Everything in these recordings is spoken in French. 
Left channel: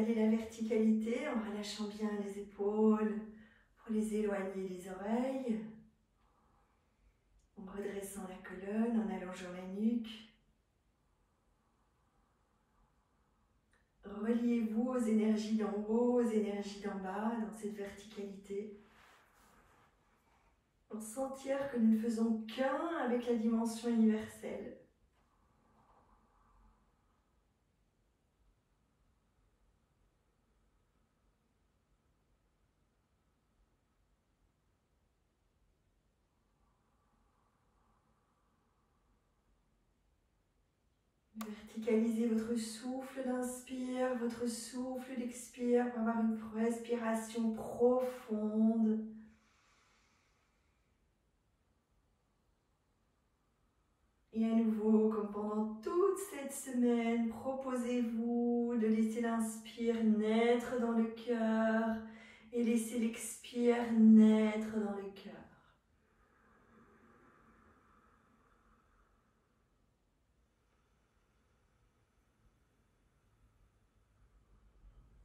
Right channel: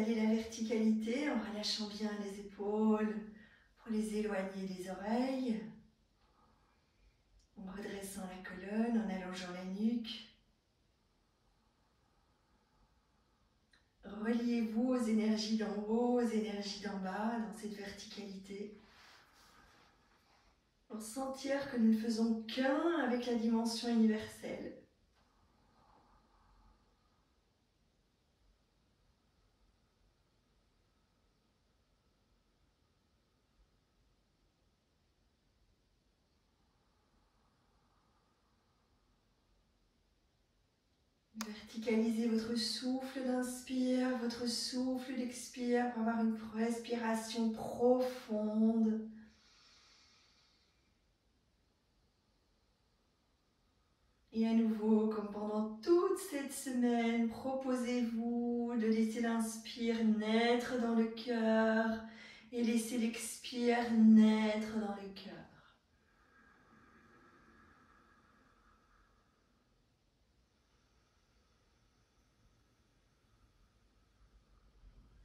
installer la verticalité en relâchant bien les épaules pour les éloigner des oreilles. En redressant la colonne, en allongeant la nuque. Reliez-vous aux énergies d'en haut, aux énergies d'en bas, dans cette verticalité. Pour sentir que nous ne faisons qu'un avec la dimension universelle. Verticalisez votre souffle d'inspire, votre souffle d'expire pour avoir une respiration profonde. Et à nouveau, comme pendant toute cette semaine, proposez-vous de laisser l'inspire naître dans le cœur et laisser l'expire naître dans le cœur.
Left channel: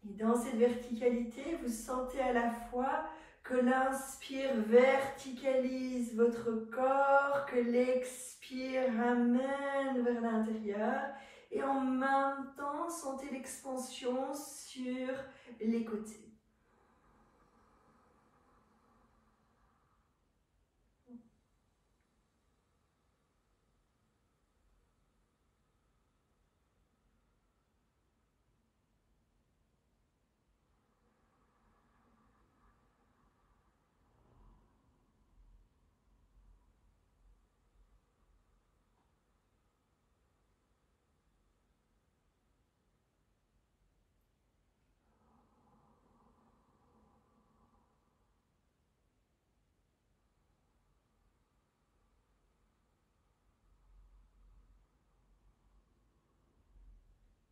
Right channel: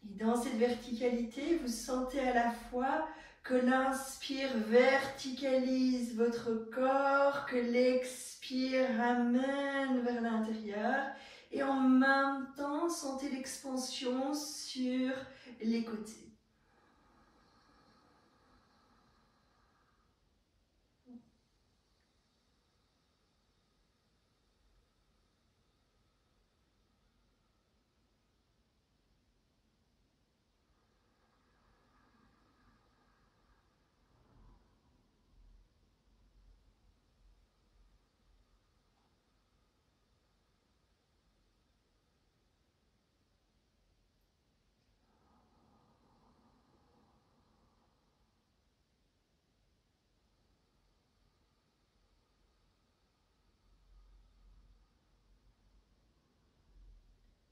Et dans cette verticalité, vous sentez à la fois que l'inspire verticalise votre corps, que l'expire ramène vers l'intérieur. Et en même temps, sentez l'expansion sur les côtés.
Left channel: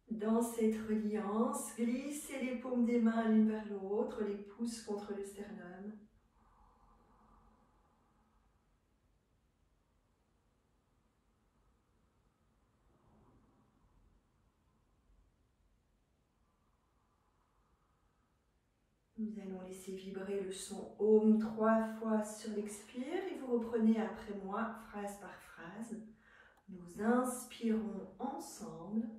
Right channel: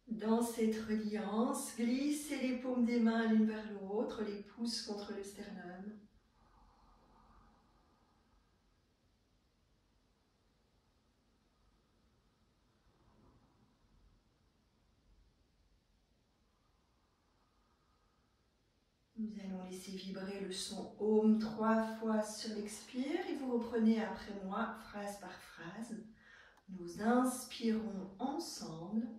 Dans cette reliance, glissez les paumes des mains l'une vers l'autre, les pouces contre le sternum. Nous allons laisser vibrer le son Om 3 fois sur l'expire et vous reprenez après moi, phrase par phrase. Nous inspirons ensemble.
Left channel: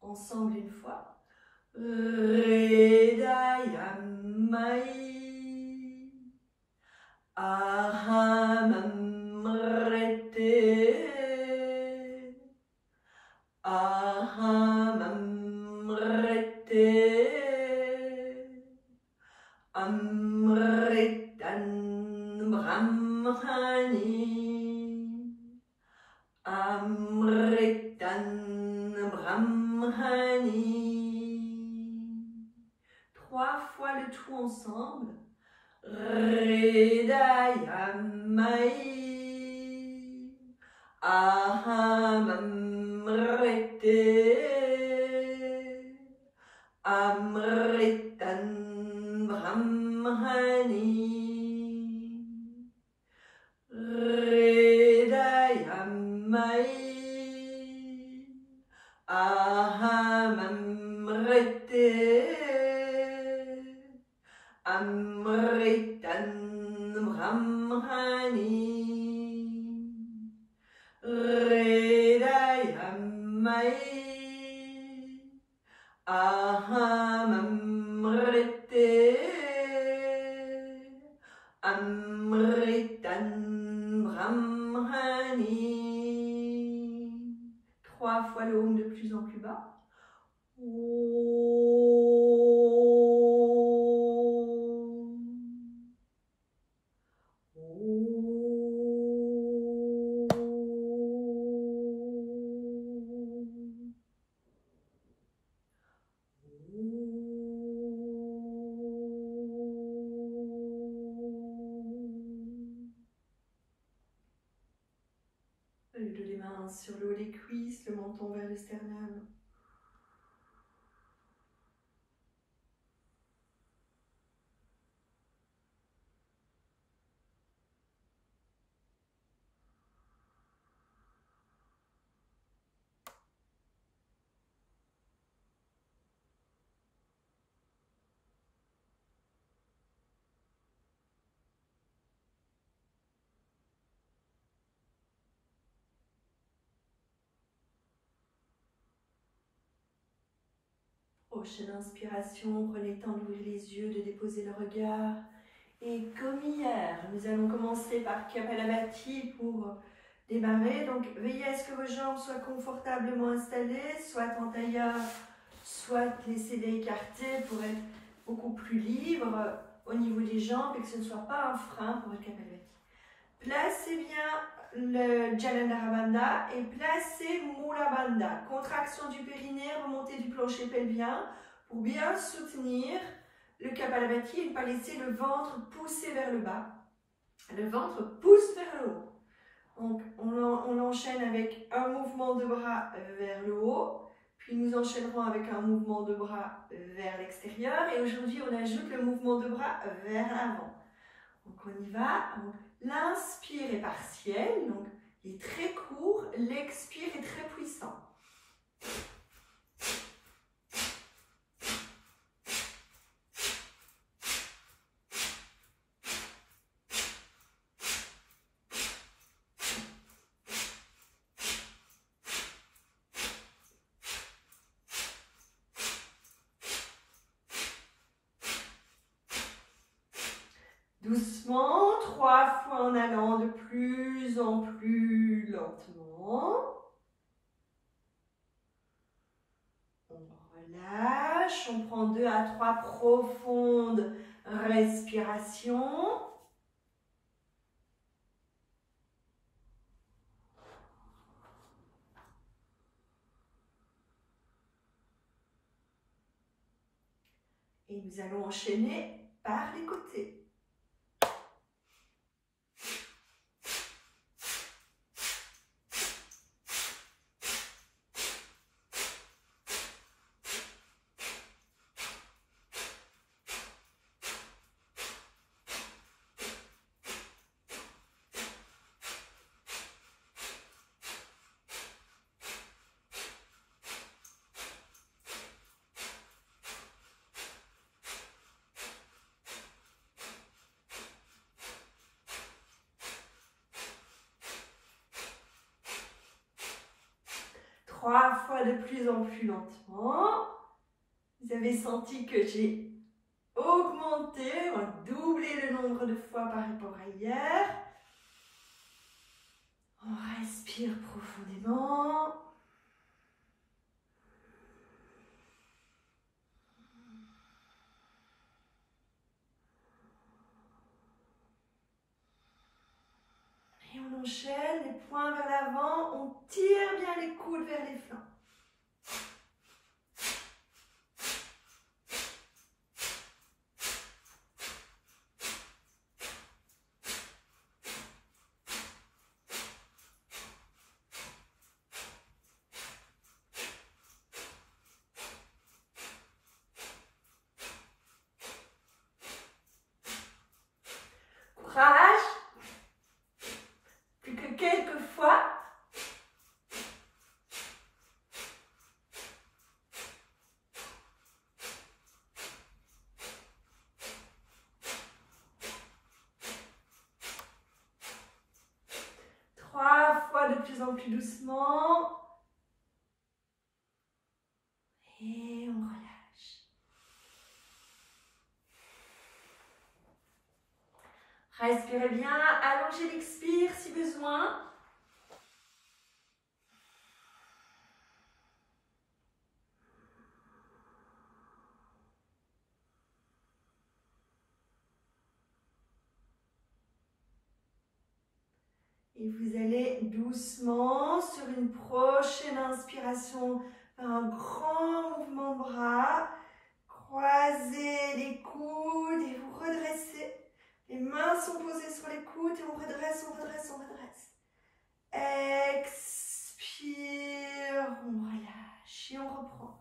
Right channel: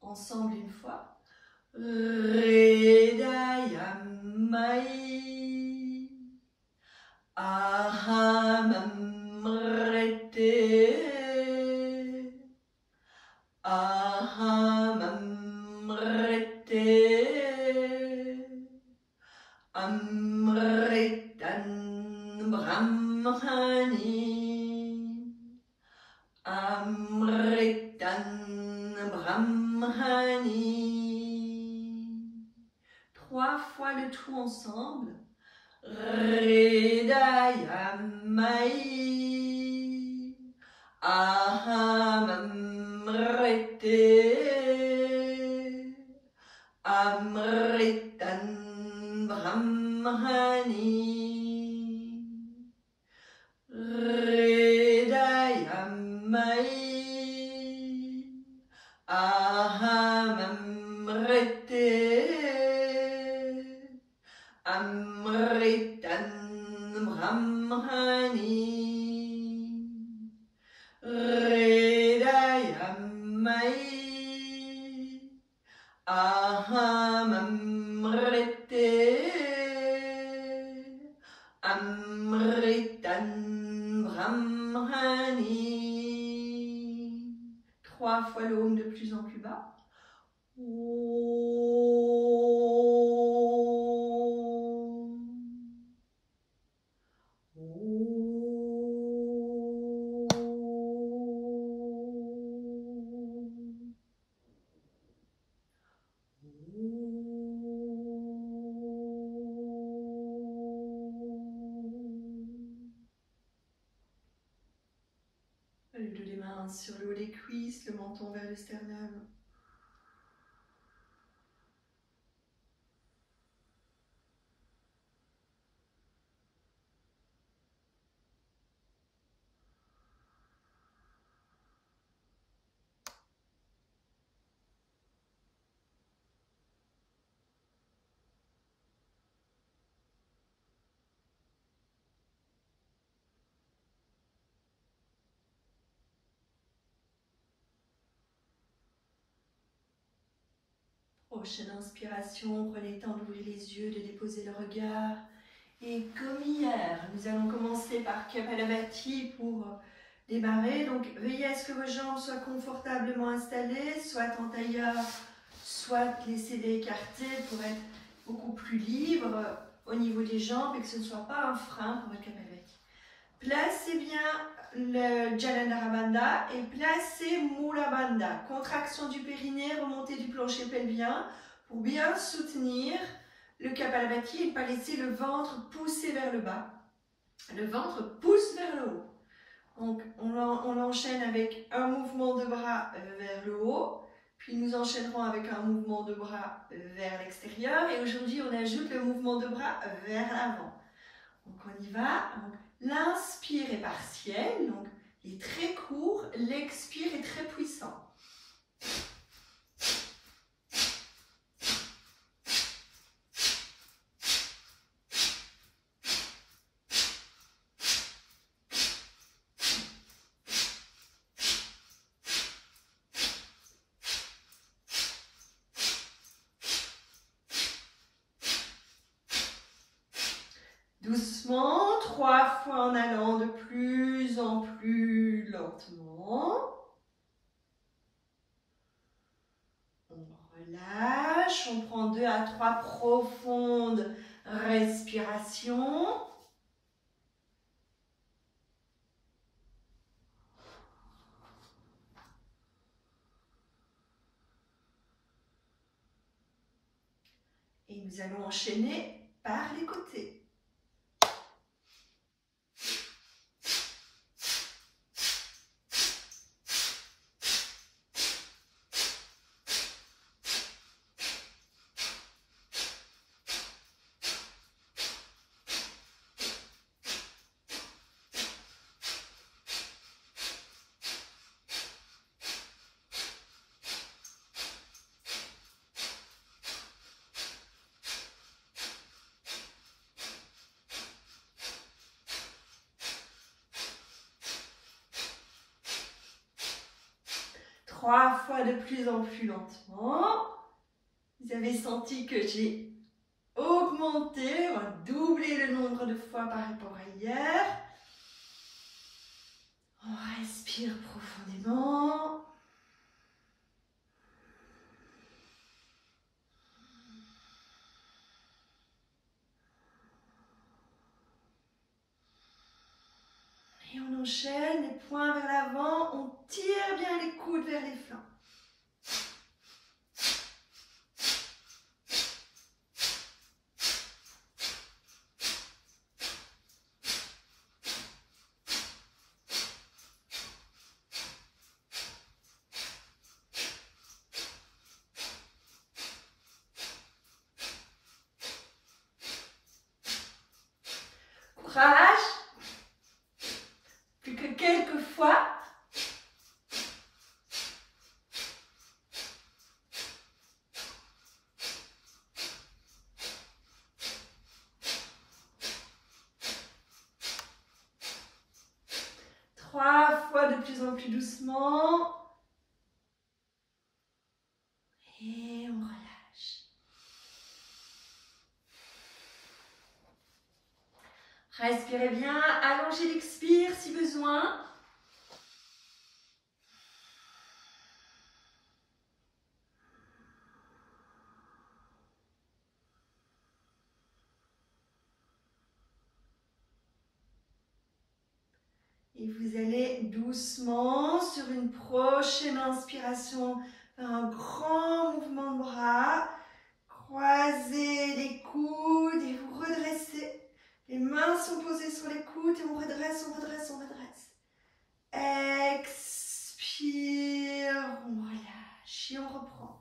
Ensemble une fois. Aham Amrete. Aham Amrete. Amritan Brahmani. Amritan Brahmani. 3 fois le tout ensemble. Hridayamai. Aham Amrite. Amritan Brahmani. Hridayamai. Aham Amrite. Amritan Brahmani. Hridayamai. Aham Amrite. Amritan Brahmani. 3 fois le Om de plus en plus bas. Le dos des mains sur le haut des cuisses, le menton vers le sternum. Prochaine inspiration, prenez le temps d'ouvrir les yeux, de déposer le regard. Et comme hier, nous allons commencer par Kapalabhati pour démarrer. Donc, veillez à ce que vos jambes soient confortablement installées, soit en tailleur, soit laissez-les écartées pour être beaucoup plus libre au niveau des jambes et que ce ne soit pas un frein pour être Kapalabhati. Placez bien le Jalandhara Bandha et placez Mula Bandha. Contraction du périnée, remontée du plancher pelvien pour bien soutenir le Kapalabhati et ne pas laisser le ventre pousser vers le bas. Le ventre pousse vers le haut. Donc on enchaîne avec un mouvement de bras vers le haut, puis nous enchaînerons avec un mouvement de bras vers l'extérieur et aujourd'hui on ajoute le mouvement de bras vers l'avant. Donc on y va. L'inspire est partiel, donc il est très court, l'expire est très puissant. Doucement, 3 fois en allant de plus en plus lentement. On relâche, on prend 2 à 3 profondes respirations. Et nous allons enchaîner par les côtés. Trois fois de plus en plus lentement. Vous avez senti que j'ai augmenté, on va doubler le nombre de fois par rapport à hier. On respire profondément. Et on enchaîne, les poings vers l'avant, on tire bien les coudes vers les flancs. Courage. Plus que quelques fois. Trois fois de plus en plus doucement. Et on relâche. Respirez bien, allongez l'expire si besoin. Et vous allez doucement, sur une prochaine inspiration, faire un grand mouvement de bras. Croisez les coudes et vous redressez. Les mains sont posées sur les coudes et on redresse, on redresse, on redresse. Expire, on relâche et on reprend.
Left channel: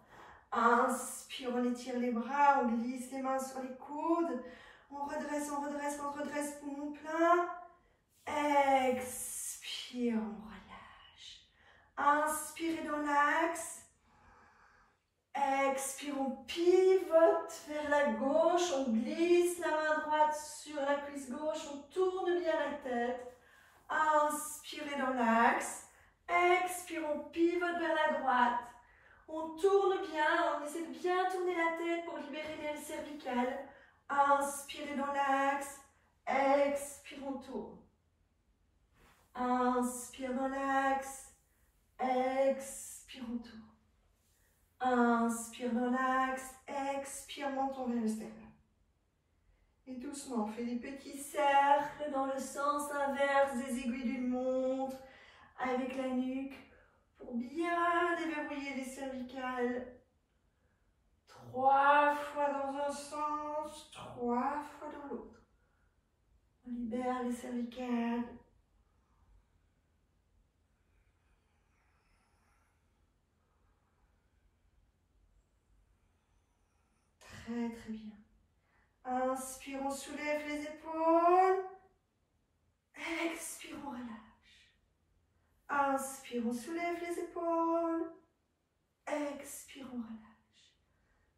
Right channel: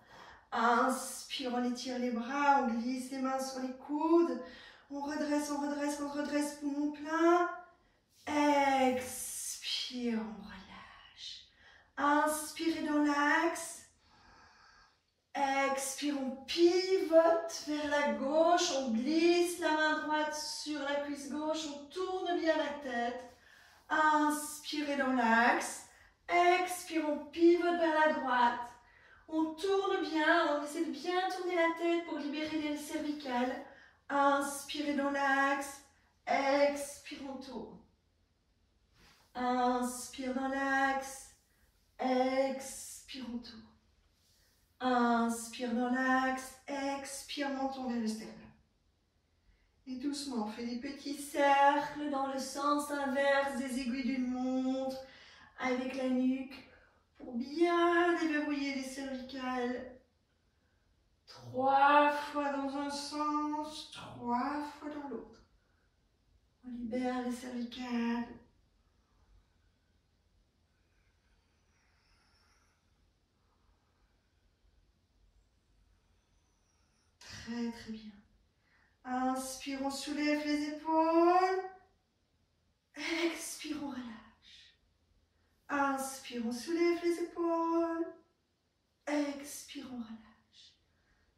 Inspire, on étire les bras, on glisse les mains sur les coudes. On redresse, on redresse, on redresse, poumon plein. Expire, on relâche. Inspirez dans l'axe. Expire, on pivote vers la gauche. On glisse la main droite sur la cuisse gauche. On tourne bien la tête. Inspirez dans l'axe. Expire, on pivote vers la droite. On tourne bien, on essaie de bien tourner la tête pour libérer les cervicales. Inspirez dans l'axe. Expire, on tourne. Inspire dans l'axe. Expire, on tourne. Inspire dans l'axe. Expire, menton vers le sternum. Et doucement, on fait des petits cercles dans le sens inverse des aiguilles d'une montre avec la nuque pour bien déverrouiller les cervicales. 3 fois dans un sens, 3 fois dans l'autre. On libère les cervicales. Très très bien. Inspire, on soulève les épaules. Expire, on relâche. Inspire, on soulève les épaules. Expire, on relâche.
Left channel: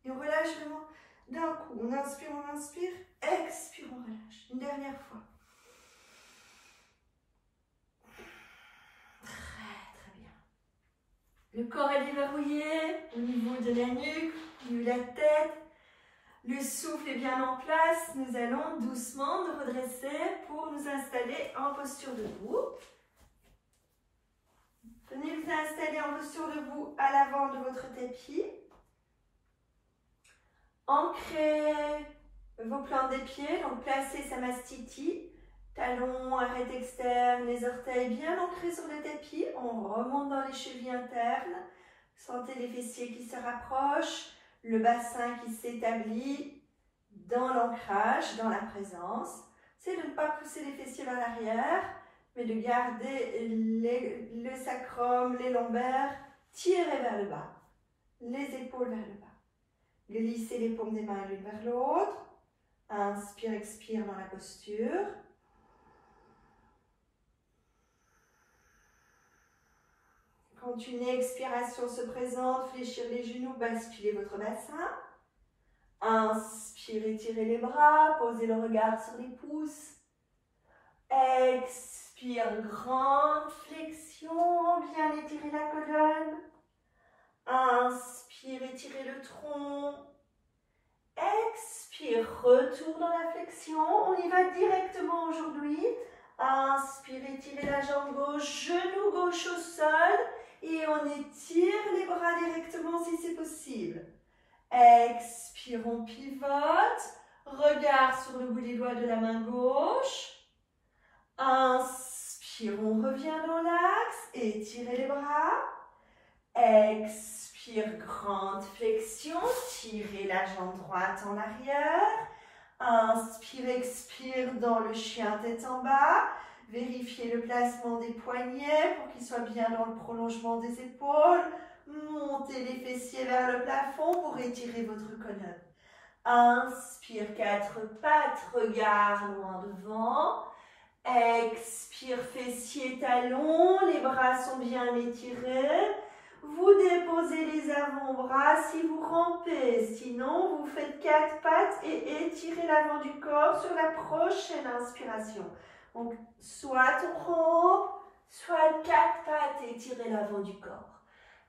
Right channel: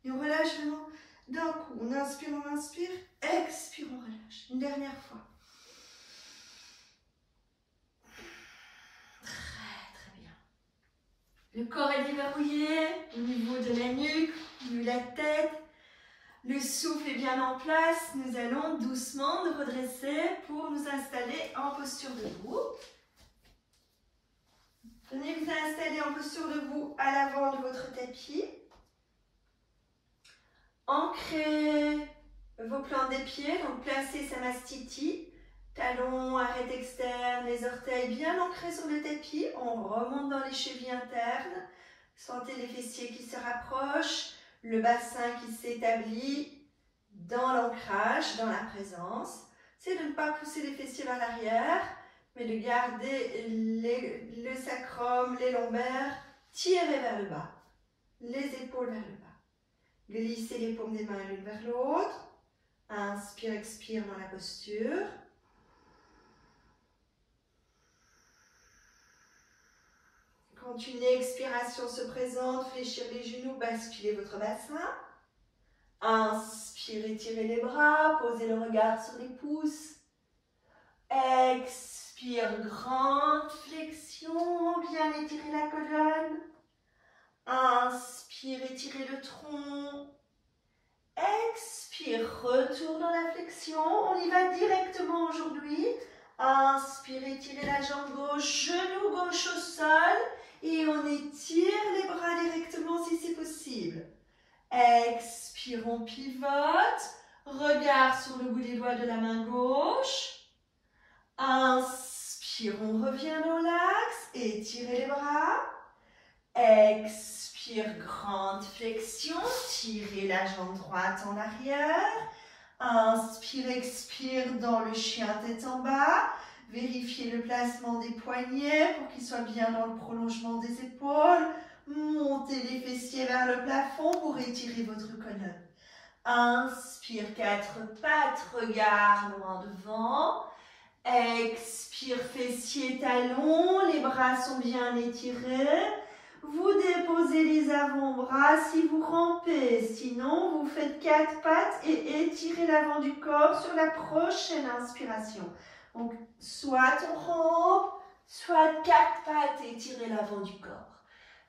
Et on relâche vraiment d'un coup. On inspire, expire, on relâche. Une dernière fois. Très très bien. Le corps est déverrouillé au niveau de la nuque, au niveau de la tête. Le souffle est bien en place. Nous allons doucement nous redresser pour nous installer en posture debout. Venez vous installer en posture debout à l'avant de votre tapis. Ancrez vos plantes des pieds, donc placez Samastiti. Talons, arête externe, les orteils bien ancrés sur le tapis. On remonte dans les chevilles internes. Sentez les fessiers qui se rapprochent. Le bassin qui s'établit dans l'ancrage, dans la présence. C'est de ne pas pousser les fessiers vers l'arrière, mais de garder le sacrum, les lombaires tirés vers le bas, les épaules vers le bas. Glissez les paumes des mains l'une vers l'autre. Inspire, expire dans la posture. Quand une expiration se présente, fléchir les genoux, basculez votre bassin. Inspire, étirez les bras, posez le regard sur les pouces. Expire, grande flexion, bien étirer la colonne. Inspire, étirez le tronc. Expire, retour dans la flexion. On y va directement aujourd'hui. Inspire, étirez la jambe gauche, genou gauche au sol. Et on étire les bras directement si c'est possible. Expire, on pivote. Regard sur le bout des doigts de la main gauche. Inspire, on revient dans l'axe. Étirez les bras. Expire, grande flexion. Tirez la jambe droite en arrière. Inspire, expire dans le chien tête en bas. Vérifiez le placement des poignets pour qu'ils soient bien dans le prolongement des épaules. Montez les fessiers vers le plafond pour étirer votre colonne. Inspire, 4 pattes, regard loin devant. Expire, fessiers, talons, les bras sont bien étirés. Vous déposez les avant-bras si vous rampez. Sinon, vous faites 4 pattes et étirez l'avant du corps sur la prochaine inspiration. Donc, soit on rampe, soit 4 pattes et étirez l'avant du corps.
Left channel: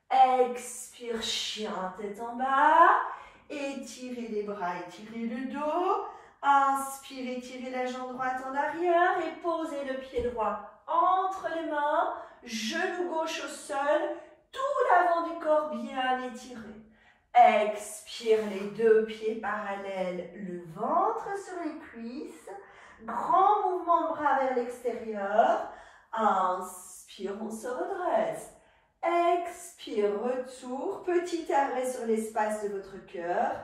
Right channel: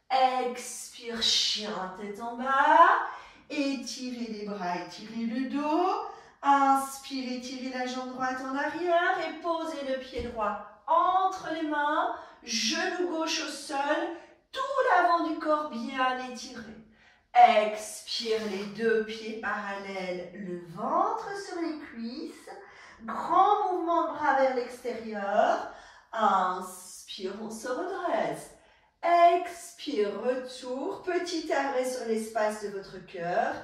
Expire, chien, tête en bas. Étirez les bras, étirez le dos. Inspire, étirez la jambe droite en arrière et posez le pied droit entre les mains. Genou gauche au sol. Tout l'avant du corps bien étiré. Expire, les 2 pieds parallèles, le ventre sur les cuisses. Grand mouvement de bras vers l'extérieur. Inspire, on se redresse. Expire, retour, petit arrêt sur l'espace de votre cœur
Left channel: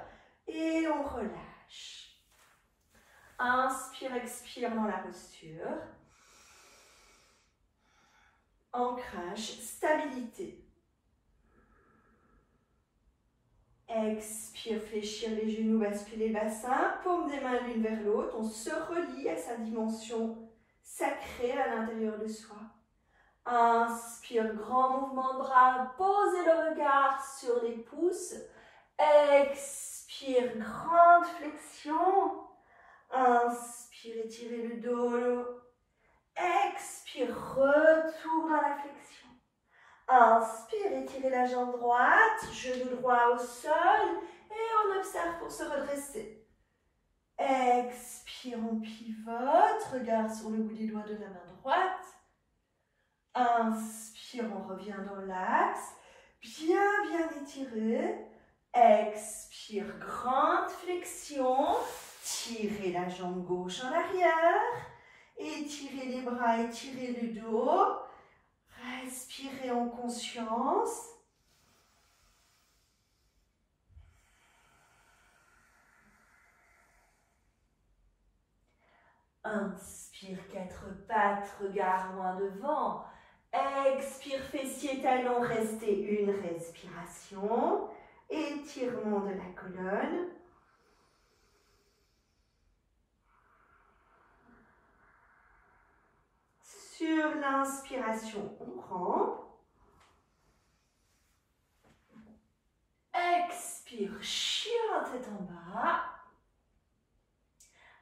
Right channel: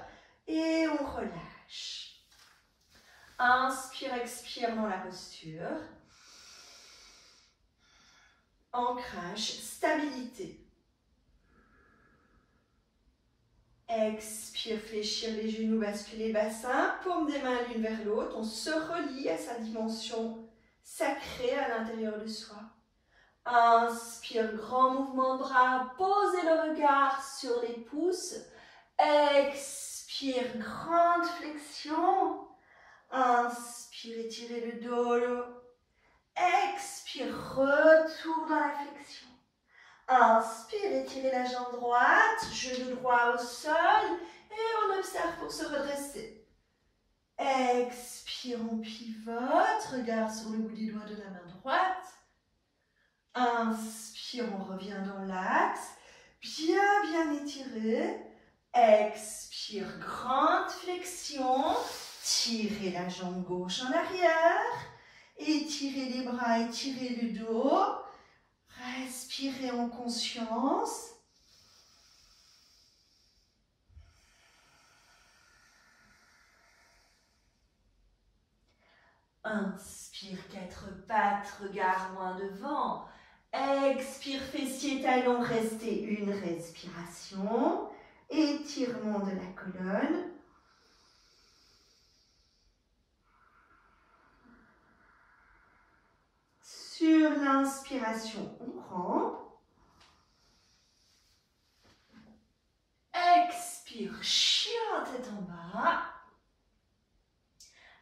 et on relâche. Inspire, expire dans la posture. Ancrage, stabilité. Expire, fléchir les genoux, basculer le bassin, paume des mains l'une vers l'autre. On se relie à sa dimension sacrée à l'intérieur de soi. Inspire, grand mouvement de bras, posez le regard sur les pouces. Expire, grande flexion. Inspire, étirez le dos. Expire, retour dans la flexion. Inspire, étirez la jambe droite, genou droit au sol et on observe pour se redresser. Expire, on pivote, regard sur le bout des doigts de la main droite. Inspire, on revient dans l'axe, bien étiré. Expire, grande flexion, tirez la jambe gauche en arrière, étirez les bras, étirez le dos. Respirez en conscience. Inspire, quatre pattes, regard loin devant. Expire, fessiers, talons, restez une respiration. Étirement de la colonne. Sur l'inspiration, on rampe. Expire, chien tête en bas.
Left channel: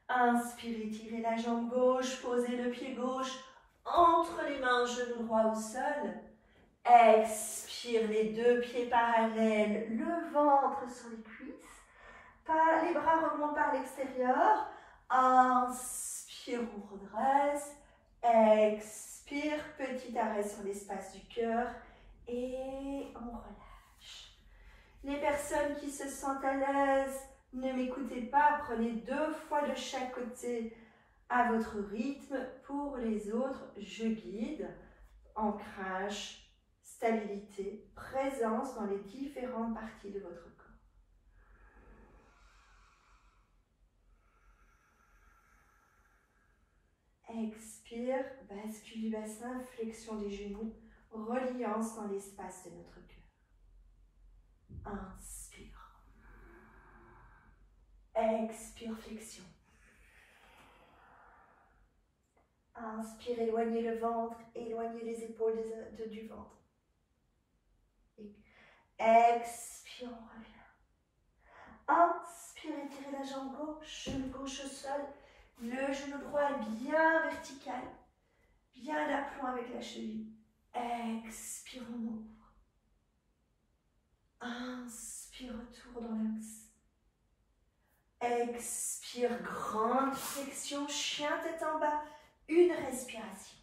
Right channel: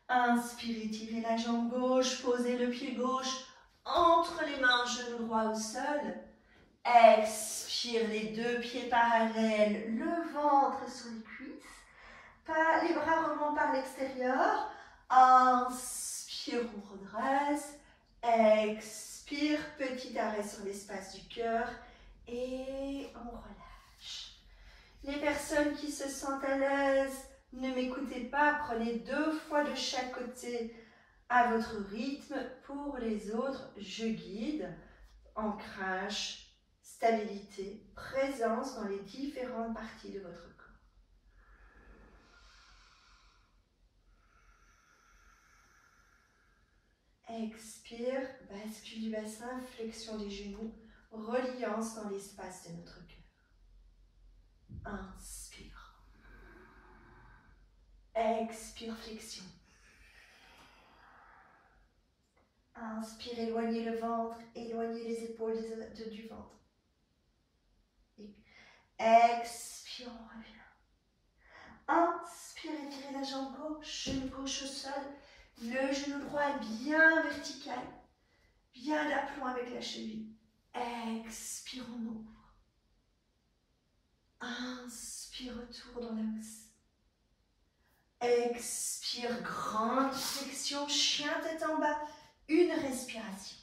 Inspirez, tirez la jambe gauche, posez le pied gauche entre les mains, genou droit au sol. Expire, les deux pieds parallèles, le ventre sur les cuisses. Les bras remontent par l'extérieur. Inspire, on redresse. Expire, petit arrêt sur l'espace du cœur et on relâche. Les personnes qui se sentent à l'aise, ne m'écoutez pas, prenez 2 fois de chaque côté à votre rythme. Pour les autres, je guide. Ancrage, stabilité, présence dans les différentes parties de votre corps. Expire, bascule du bassin, flexion des genoux, reliance dans l'espace de notre cœur. Inspire. Expire, flexion. Inspire, éloignez le ventre, éloignez les épaules du ventre. Expire, on revient. Inspire, étirez la jambe gauche, genou gauche au sol. Le genou droit bien vertical, bien d'aplomb avec la cheville. Expire, on ouvre. Inspire, retour dans l'axe. Expire, grande flexion, chien tête en bas. Une respiration.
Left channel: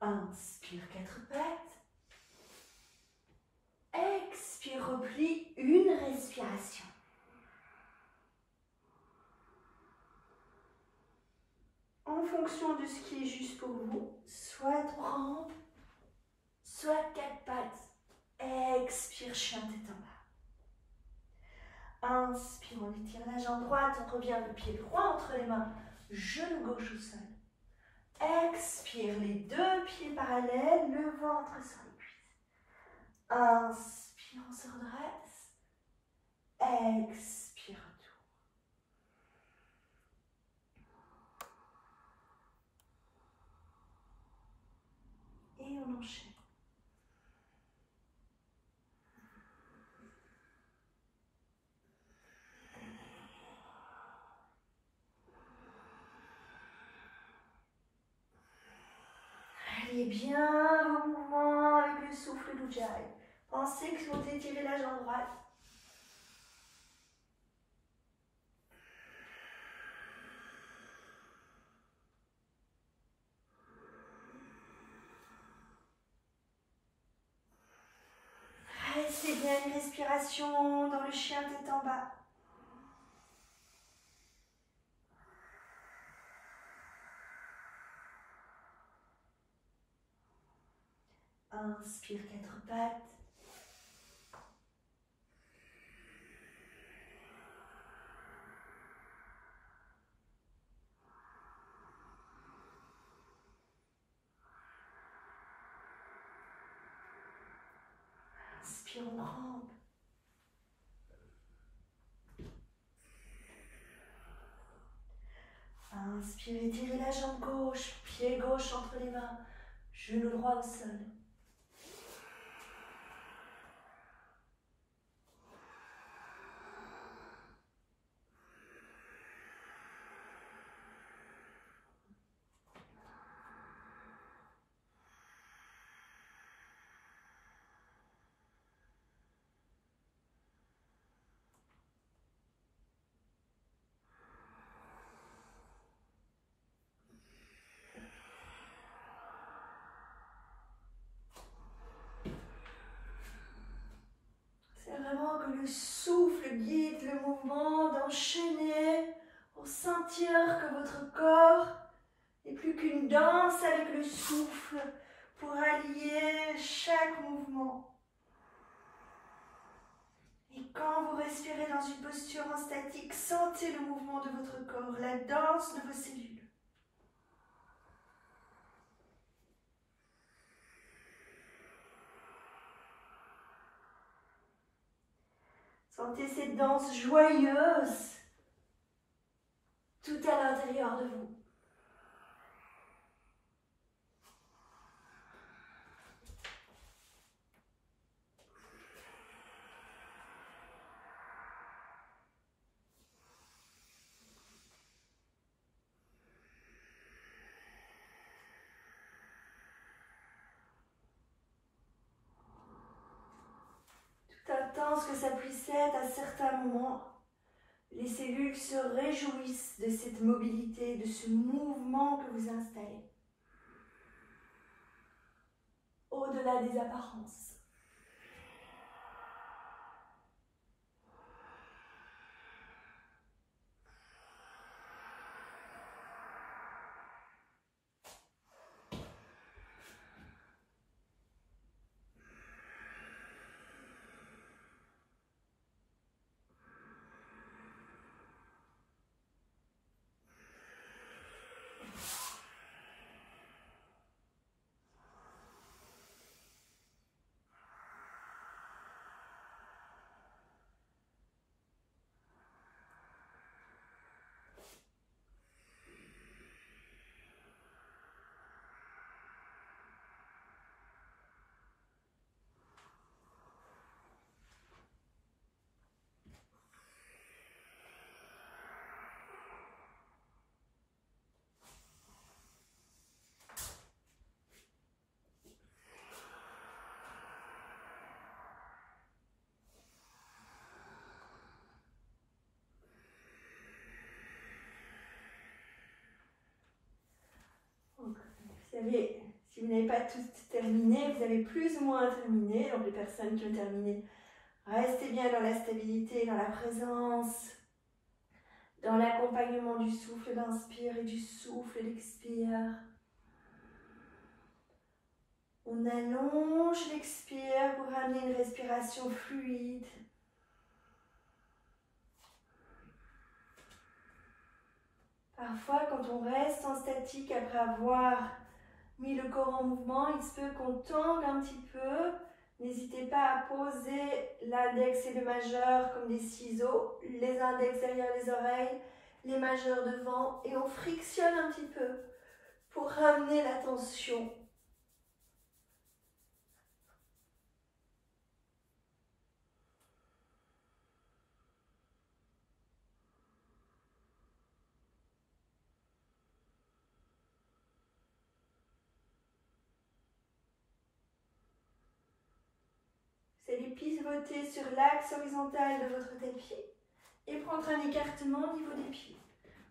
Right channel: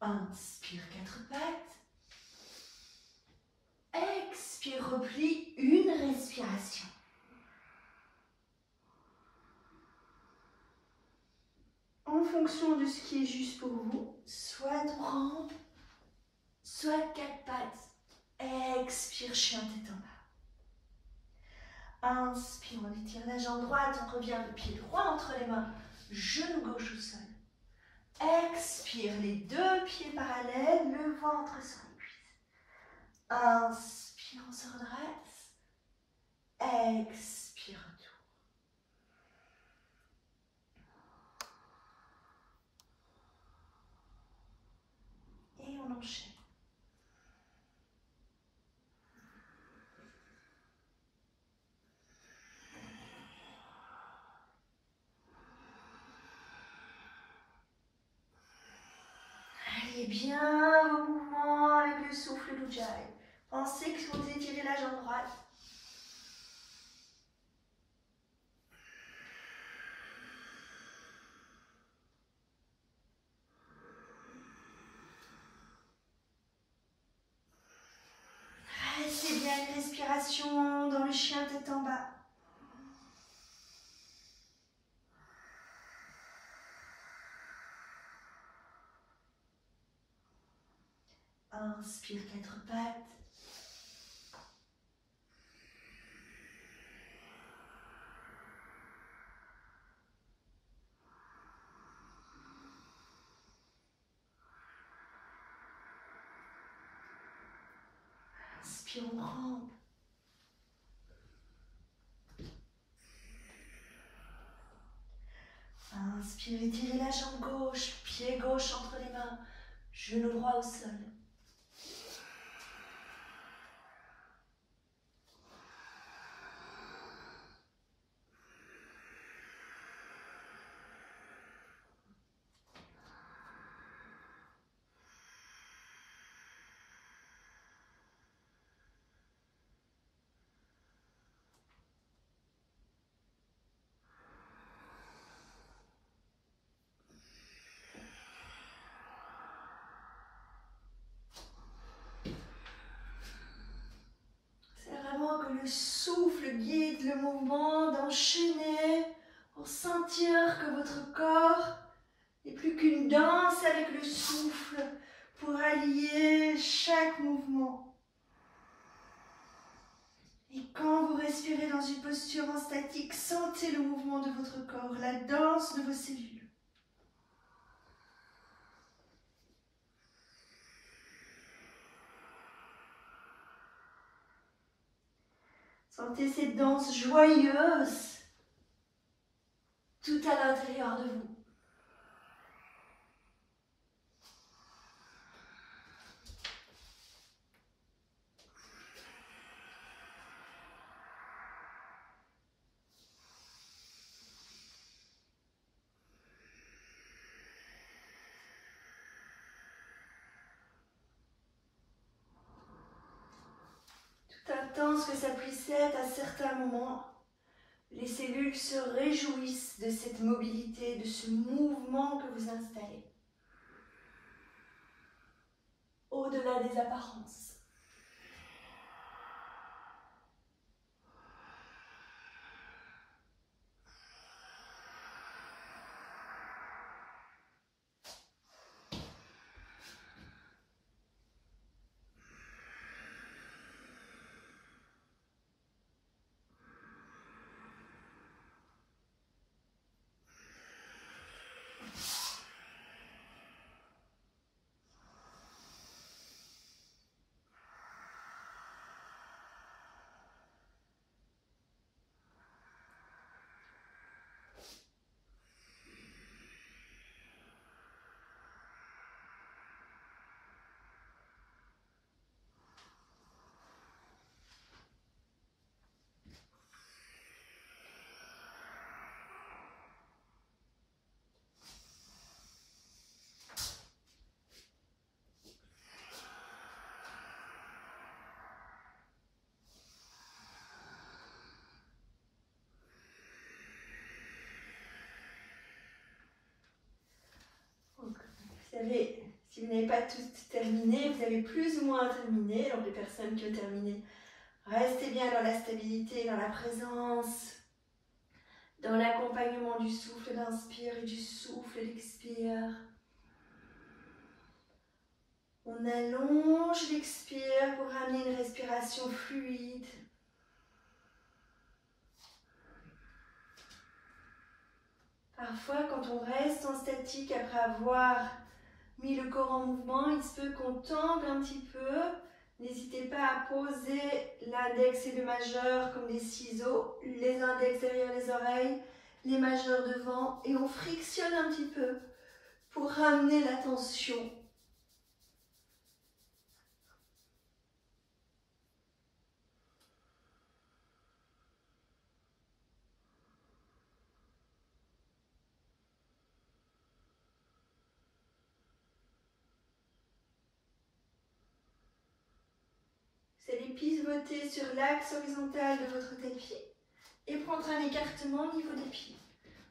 Inspire, 4 pattes. Expire, replie, une respiration. En fonction de ce qui est juste pour vous, soit rampe, soit 4 pattes. Expire, chien tête en bas. Inspire, on étire la jambe droite, on revient le pied droit entre les mains, genou gauche au sol. Expire, les 2 pieds parallèles, le ventre sur les cuisses. Inspire, on se redresse. Expire, retour. Et on enchaîne. Allez bien vos mouvements avec le souffle d'Ujjayi. Pensez que vous étirez la jambe droite. Restez bien une respiration. expiration dans le chien tête en bas. Inspire 4 pattes. Inspire, on rampe. Inspire, étirez la jambe gauche, pied gauche entre les mains, genou droit au sol. Le souffle guide le mouvement, d'enchaîner pour sentir que votre corps n'est plus qu'une danse avec le souffle pour allier chaque mouvement. Et quand vous respirez dans une posture en statique, sentez le mouvement de votre corps, la danse de vos cellules. Sentez cette danse joyeuse tout à l'intérieur de vous. Intense que ça puisse être à certains moments, les cellules se réjouissent de cette mobilité, de ce mouvement que vous installez. Au-delà des apparences. Vous savez, si vous n'avez pas tout terminé, vous avez plus ou moins terminé. Donc les personnes qui ont terminé, restez bien dans la stabilité, dans la présence, dans l'accompagnement du souffle d'inspire et du souffle d'expire. On allonge l'expire pour ramener une respiration fluide. Parfois, quand on reste en statique après avoir mis le corps en mouvement, il se peut qu'on tombe un petit peu. N'hésitez pas à poser l'index et le majeur comme des ciseaux, les index derrière les oreilles, les majeurs devant, et on frictionne un petit peu pour ramener la tension. Vous allez pivoter sur l'axe horizontal de votre tapis et prendre un écartement au niveau des pieds.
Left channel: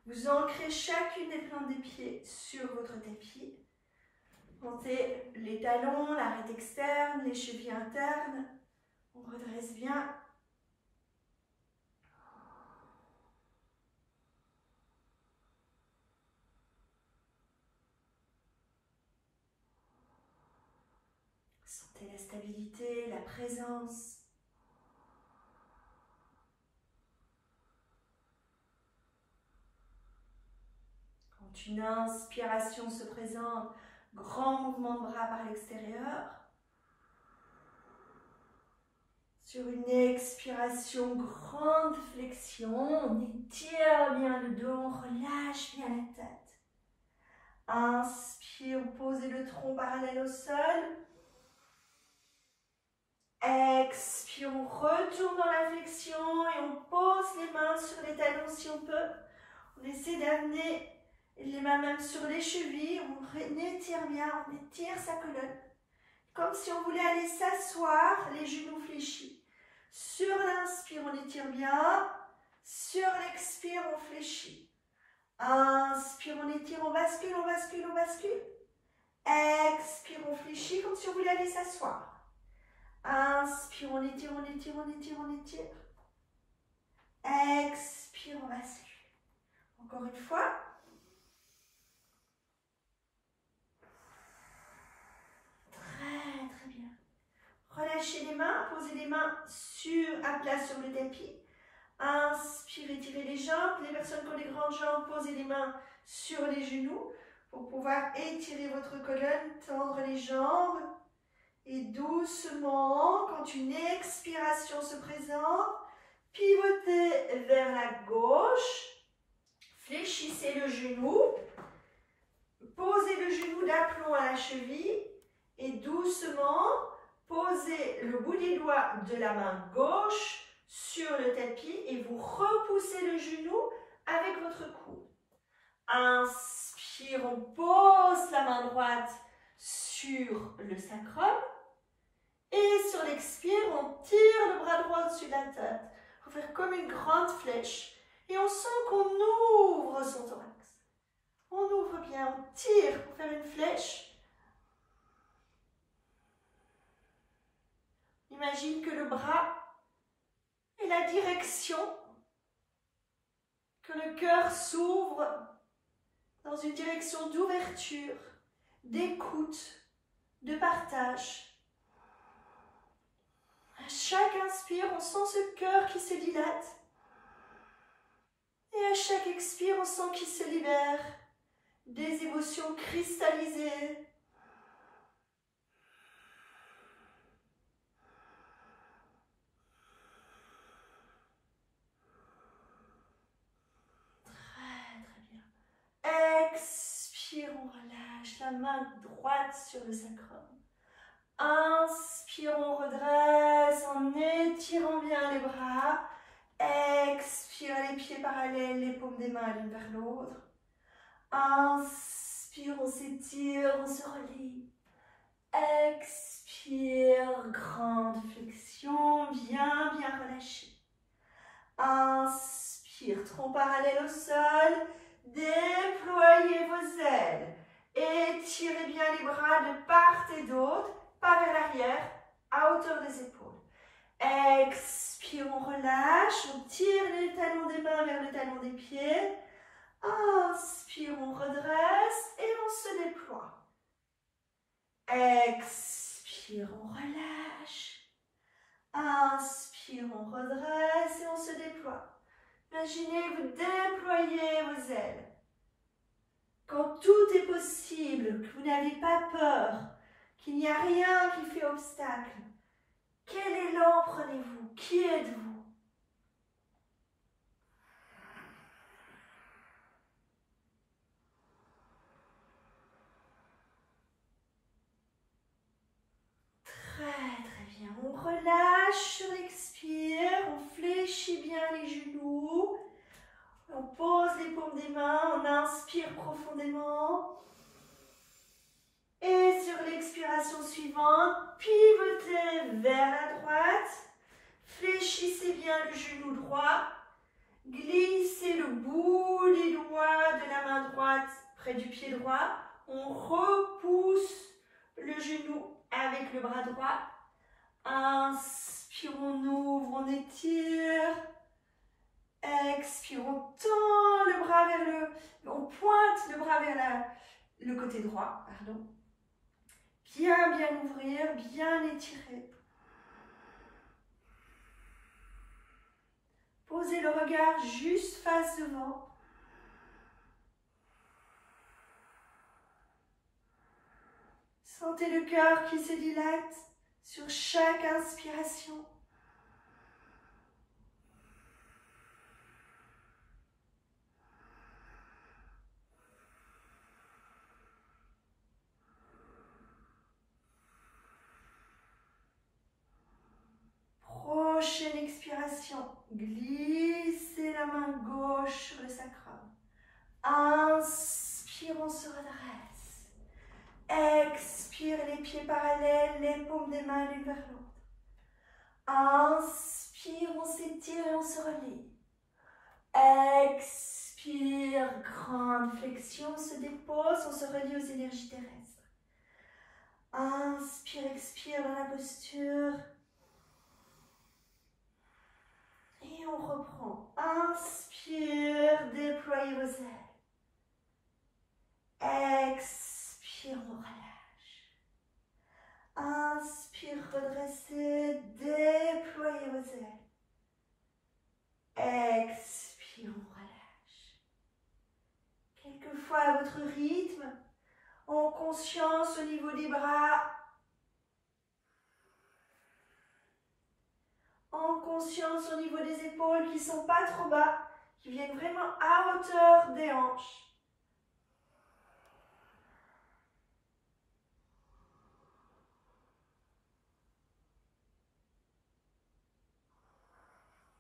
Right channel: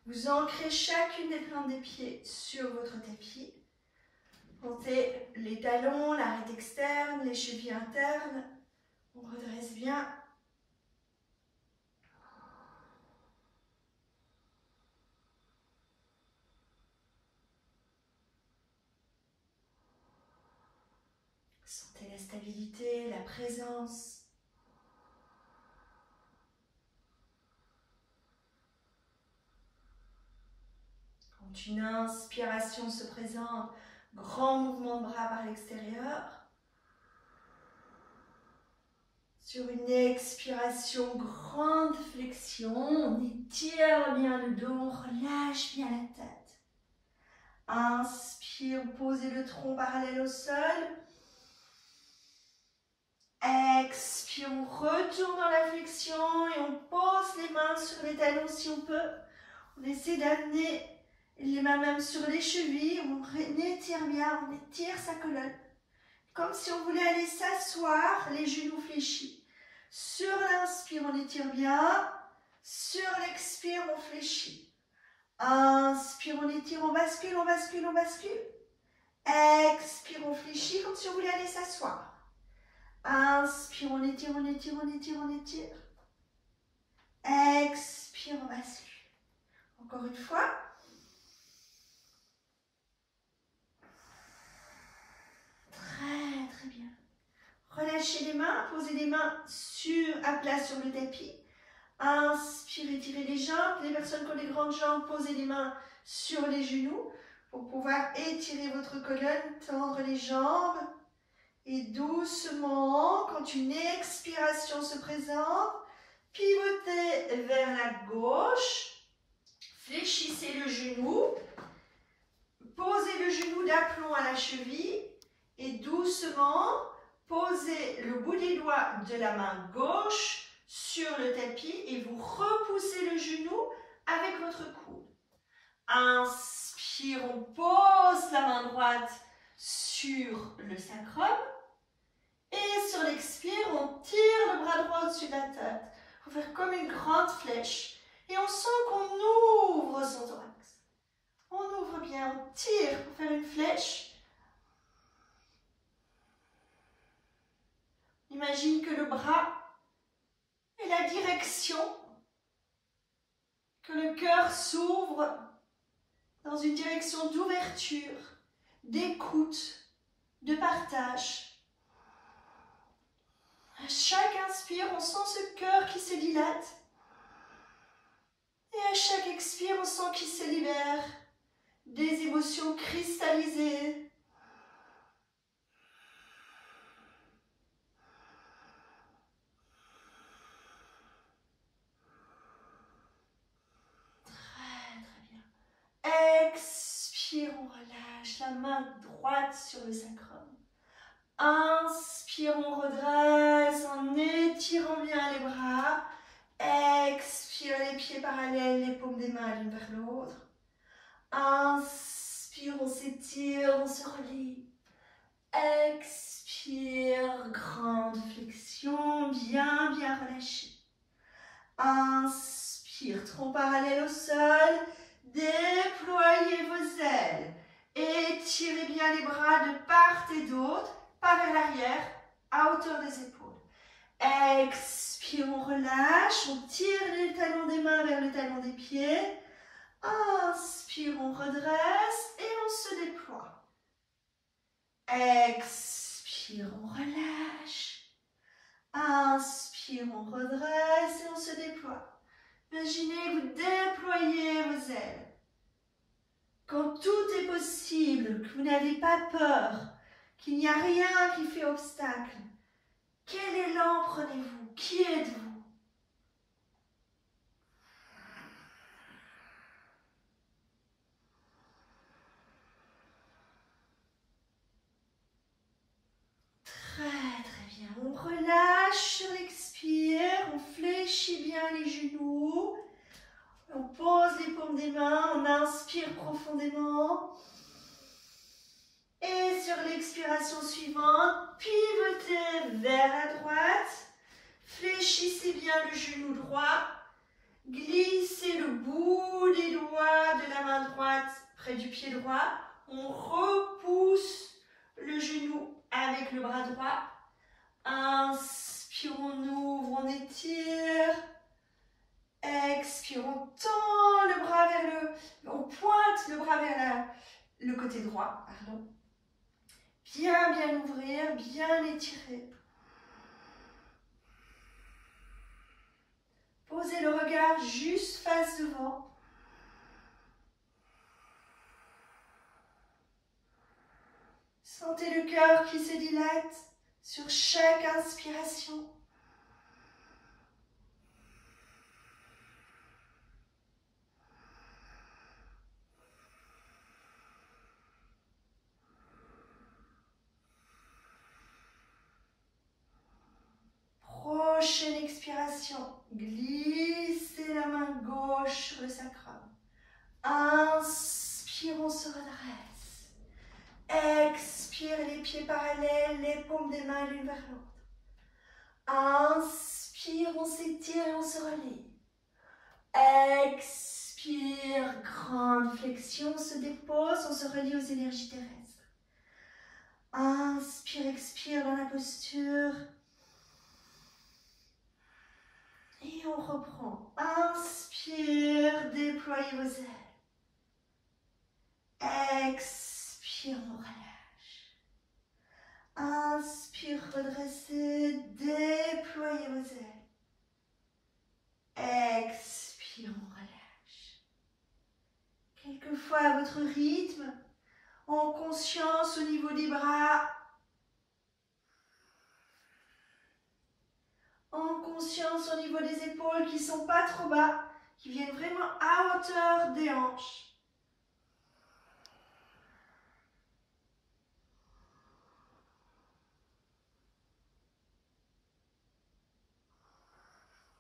Vous ancrez chacune des plantes des pieds sur votre tapis. Montez les talons, l'arête externe, les chevilles internes. On redresse bien stabilité, la présence. Quand une inspiration se présente, grand mouvement de bras par l'extérieur. Sur une expiration, grande flexion, on étire bien le dos, on relâche bien la tête. Inspire, posez le tronc parallèle au sol. Expire, on retourne dans la flexion et on pose les mains sur les talons si on peut. On essaie d'amener les mains même sur les chevilles, on étire bien, on étire sa colonne. Comme si on voulait aller s'asseoir, les genoux fléchis. Sur l'inspire, on étire bien. Sur l'expire, on fléchit. Inspire, on étire, on bascule, on bascule, on bascule. Expire, on fléchit comme si on voulait aller s'asseoir. Inspire, on étire, on étire, on étire, on étire. Expire, on bascule. Encore une fois. Très, très bien. Relâchez les mains, posez les mains à plat sur le tapis. Inspirez, étirez les jambes. Les personnes qui ont des grandes jambes, posez les mains sur les genoux pour pouvoir étirer votre colonne, tendre les jambes. Et doucement, quand une expiration se présente, pivotez vers la gauche. Fléchissez le genou. Posez le genou d'aplomb à la cheville. Et doucement, posez le bout des doigts de la main gauche sur le tapis et vous repoussez le genou avec votre coude. Inspire, on pose la main droite sur le sacrum. Et sur l'expire, on tire le bras droit au-dessus de la tête. Il faut faire comme une grande flèche. Et on sent qu'on ouvre son thorax. On ouvre bien, on tire pour faire une flèche. Imagine que le bras est la direction, que le cœur s'ouvre dans une direction d'ouverture, d'écoute, de partage. À chaque inspire, on sent ce cœur qui se dilate. Et à chaque expire, on sent qu'il se libère des émotions cristallisées. Expire, on relâche la main droite sur le sacrum. Inspire, on redresse en étirant bien les bras. Expire, les pieds parallèles, les paumes des mains l'une vers l'autre. Inspire, on s'étire, on se relie. Expire, grande flexion, bien relâché. Inspire, tronc parallèle au sol. Déployez vos ailes. Étirez bien les bras de part et d'autre, pas vers l'arrière, à hauteur des épaules. Expire, on relâche, on tire les talons des mains vers le talon des pieds. Inspire, on redresse et on se déploie. Expire, on relâche. Inspire, on redresse et on se déploie. Imaginez que vous déployez vos ailes. Quand tout est possible, que vous n'avez pas peur, qu'il n'y a rien qui fait obstacle, quel élan prenez-vous? Qui êtes-vous? Très bien. On relâche sur l'expire, on fléchit bien les genoux. On pose les paumes des mains, on inspire profondément. Et sur l'expiration suivante, pivotez vers la droite. Fléchissez bien le genou droit. Glissez le bout des doigts de la main droite près du pied droit. On repousse le genou avec le bras droit. Inspire, on ouvre, on étire. Expire, on tend le bras vers on pointe le bras vers le côté droit, pardon. Bien, bien ouvrir, bien étirer. Posez le regard juste face devant. Sentez le cœur qui se dilate sur chaque inspiration. Prochaine expiration, glissez la main gauche sur le sacrum. Inspire, on se redresse. Expire, les pieds parallèles, les paumes des mains l'une vers l'autre. Inspire, on s'étire et on se relie. Expire, grande flexion, on se dépose, on se relie aux énergies terrestres. Inspire, expire dans la posture. Et on reprend. Inspire, déployez vos ailes. Expire, on relâche. Inspire, redressez, déployez vos ailes. Expire, on relâche. Quelquefois à votre rythme, en conscience au niveau des bras. En conscience au niveau des épaules qui ne sont pas trop bas, qui viennent vraiment à hauteur des hanches.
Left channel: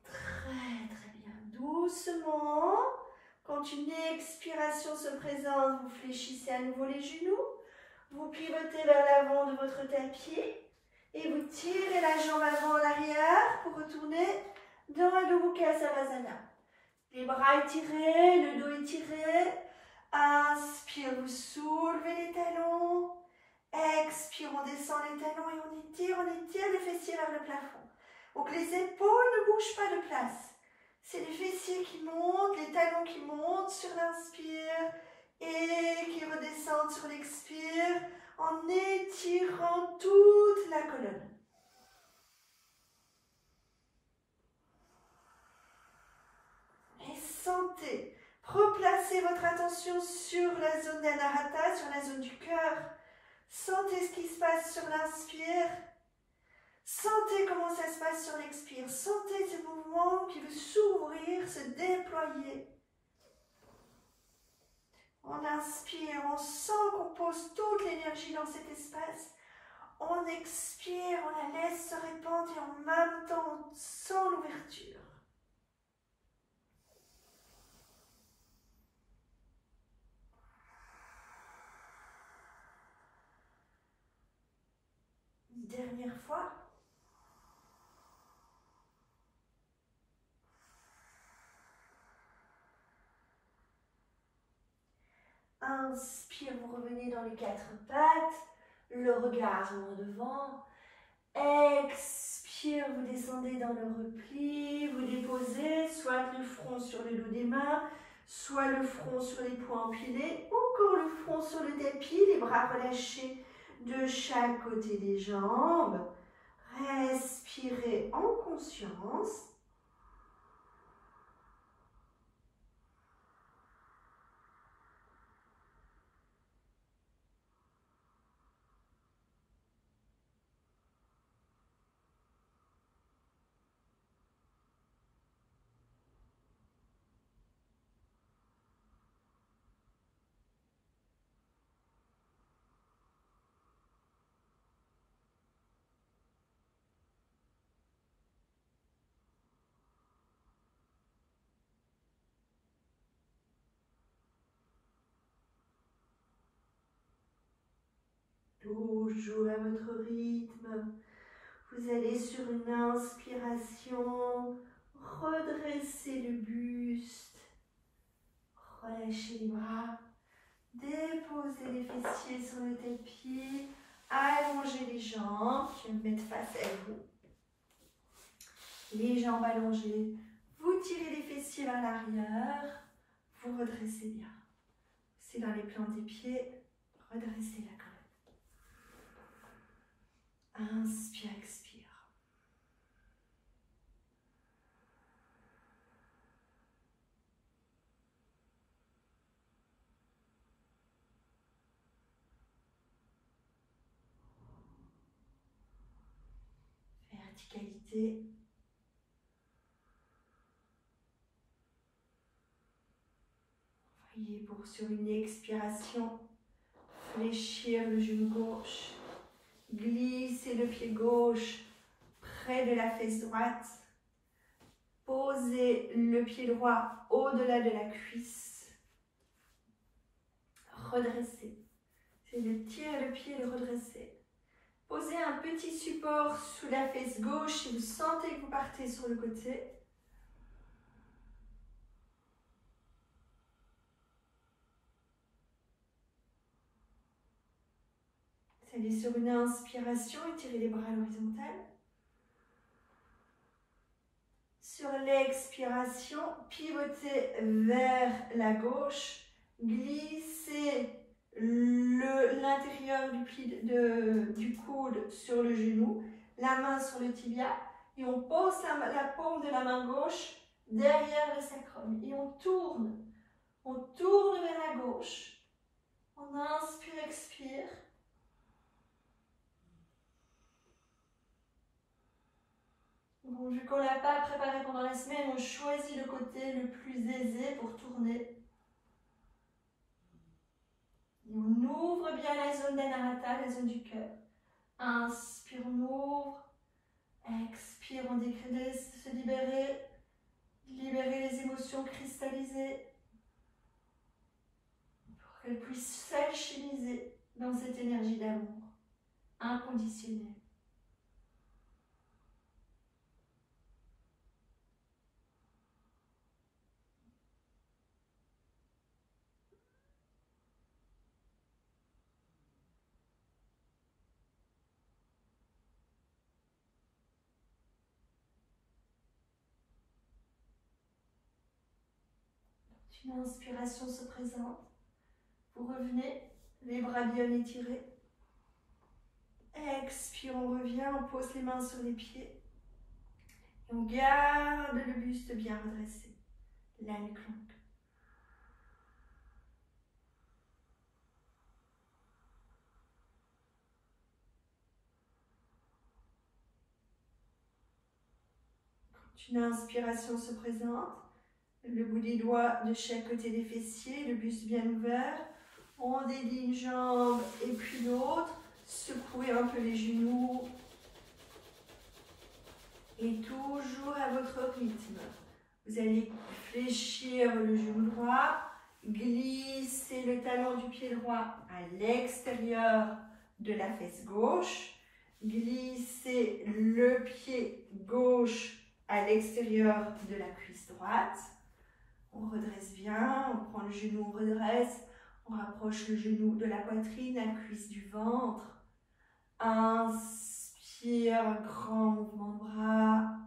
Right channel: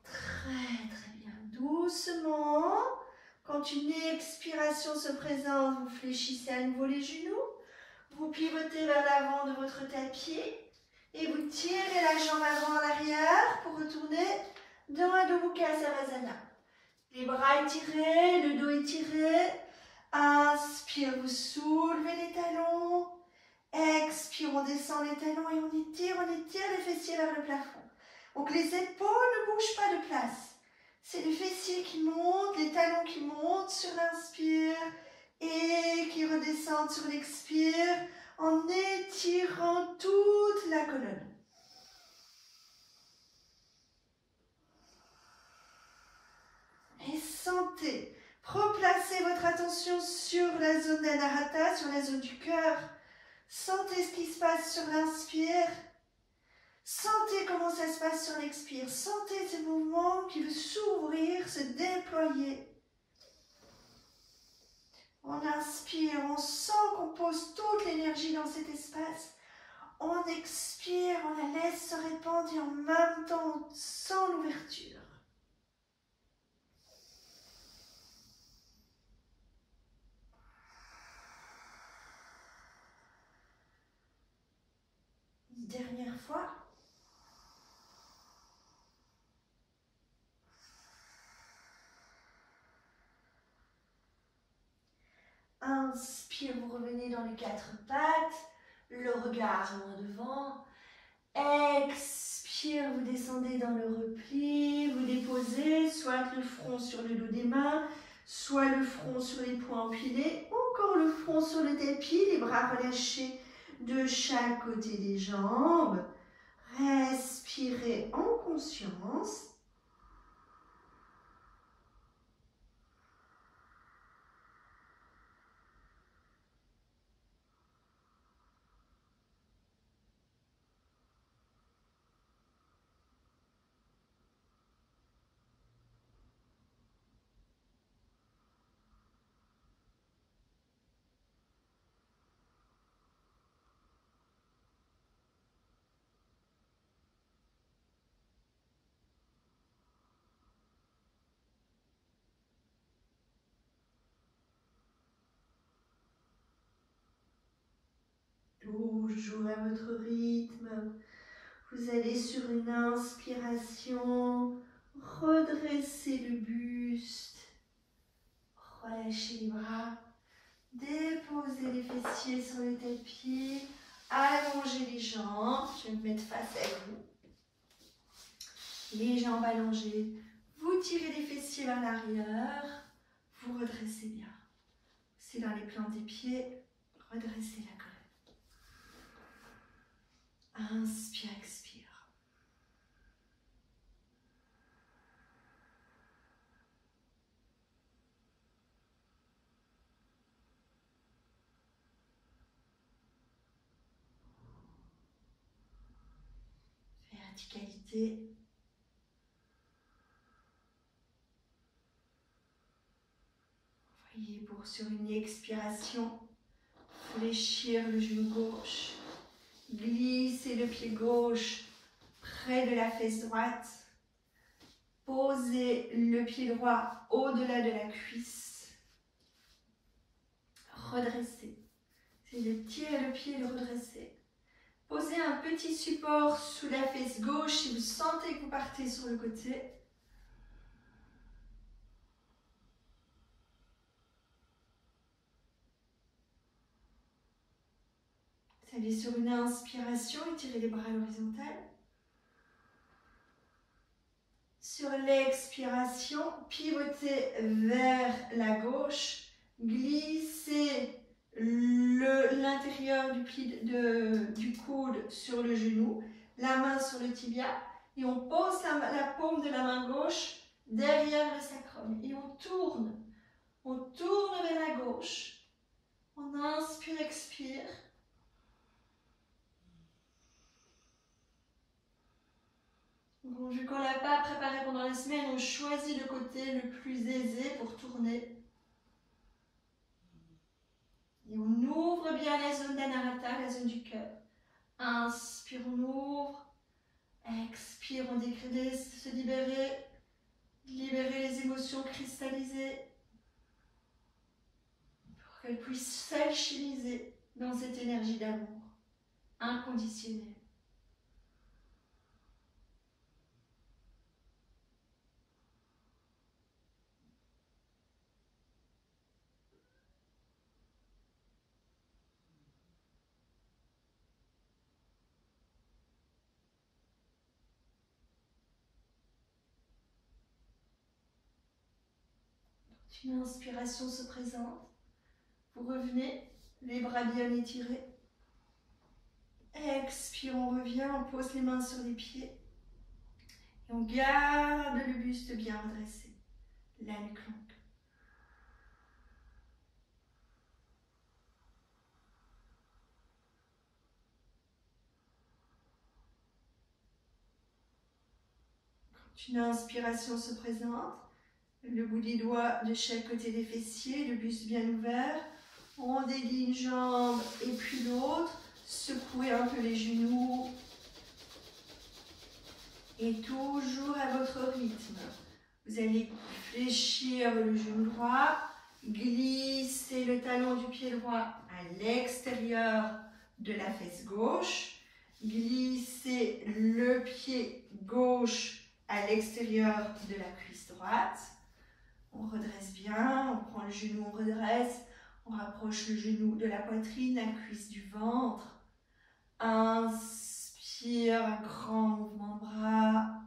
Très très bien. Doucement, quand une expiration se présente, vous fléchissez à nouveau les genoux, vous pivotez vers l'avant de votre tapis et vous tirez la jambe avant en arrière pour retourner dans Adho Mukha Savasana. Les bras étirés, le dos étiré. Inspire, vous soulevez les talons. Expire, on descend les talons et on étire les fessiers vers le plafond. Donc les épaules ne bougent pas de place. C'est les fessiers qui montent, les talons qui montent sur l'inspire et qui redescendent sur l'expire en étirant toute la colonne. Et sentez, replacez votre attention sur la zone d'Anahata, sur la zone du cœur. Sentez ce qui se passe sur l'inspire. Sentez comment ça se passe sur l'expire. Sentez ce mouvement qui veut s'ouvrir, se déployer. On inspire, on sent qu'on pose toute l'énergie dans cet espace. On expire, on la laisse se répandre et en même temps on sent l'ouverture. Une dernière fois. Inspire, vous revenez dans les quatre pattes, le regard en devant. Expire, vous descendez dans le repli, vous déposez soit le front sur le dos des mains, soit le front sur les poings empilés, encore le front sur le tapis, les bras relâchés de chaque côté des jambes. Respirez en conscience. Toujours à votre rythme, vous allez sur une inspiration, redresser le buste, relâchez les bras, déposez les fessiers sur le tapis, allongez les jambes, je vais me mettre face à vous, les jambes allongées, vous tirez les fessiers vers l'arrière, vous redressez bien, c'est dans les plantes des pieds, redressez la colonne. Inspire, expire. Verticalité. Voyez pour sur une expiration, fléchir le genou gauche, glisser le pied gauche près de la fesse droite, poser le pied droit au-delà de la cuisse, redresser. C'est de tirer le pied et de redresser. Posez un petit support sous la fesse gauche si vous sentez que vous partez sur le côté. Vous allez sur une inspiration, étirez les bras à l'horizontale. Sur l'expiration, pivotez vers la gauche, glissez l'intérieur du coude sur le genou, la main sur le tibia et on pose la paume de la main gauche derrière le sacrum et on tourne vers la gauche. On inspire, expire. Bon, vu qu'on n'a pas préparé pendant la semaine, on choisit le côté le plus aisé pour tourner. Et on ouvre bien la zone d'Anahata, la zone du cœur. Inspire, on ouvre. Expire, on délaisse se libérer. Libérer les émotions cristallisées. Pour qu'elles puissent s'alchimiser dans cette énergie d'amour inconditionnel. Une inspiration se présente. Vous revenez, les bras bien étirés. Expire, on revient, on pose les mains sur les pieds. Et on garde le buste bien redressé. La nuque longue. Quand une inspiration se présente, le bout des doigts de chaque côté des fessiers, le buste bien ouvert. On délie une jambe et puis l'autre. Secouez un peu les genoux. Et toujours à votre rythme. Vous allez fléchir le genou droit, glisser le talon du pied droit à l'extérieur de la fesse gauche, glisser le pied gauche à l'extérieur de la cuisse droite. On redresse bien, on prend le genou, on redresse, on rapproche le genou de la poitrine, la cuisse du ventre. Inspire, un grand mouvement de bras.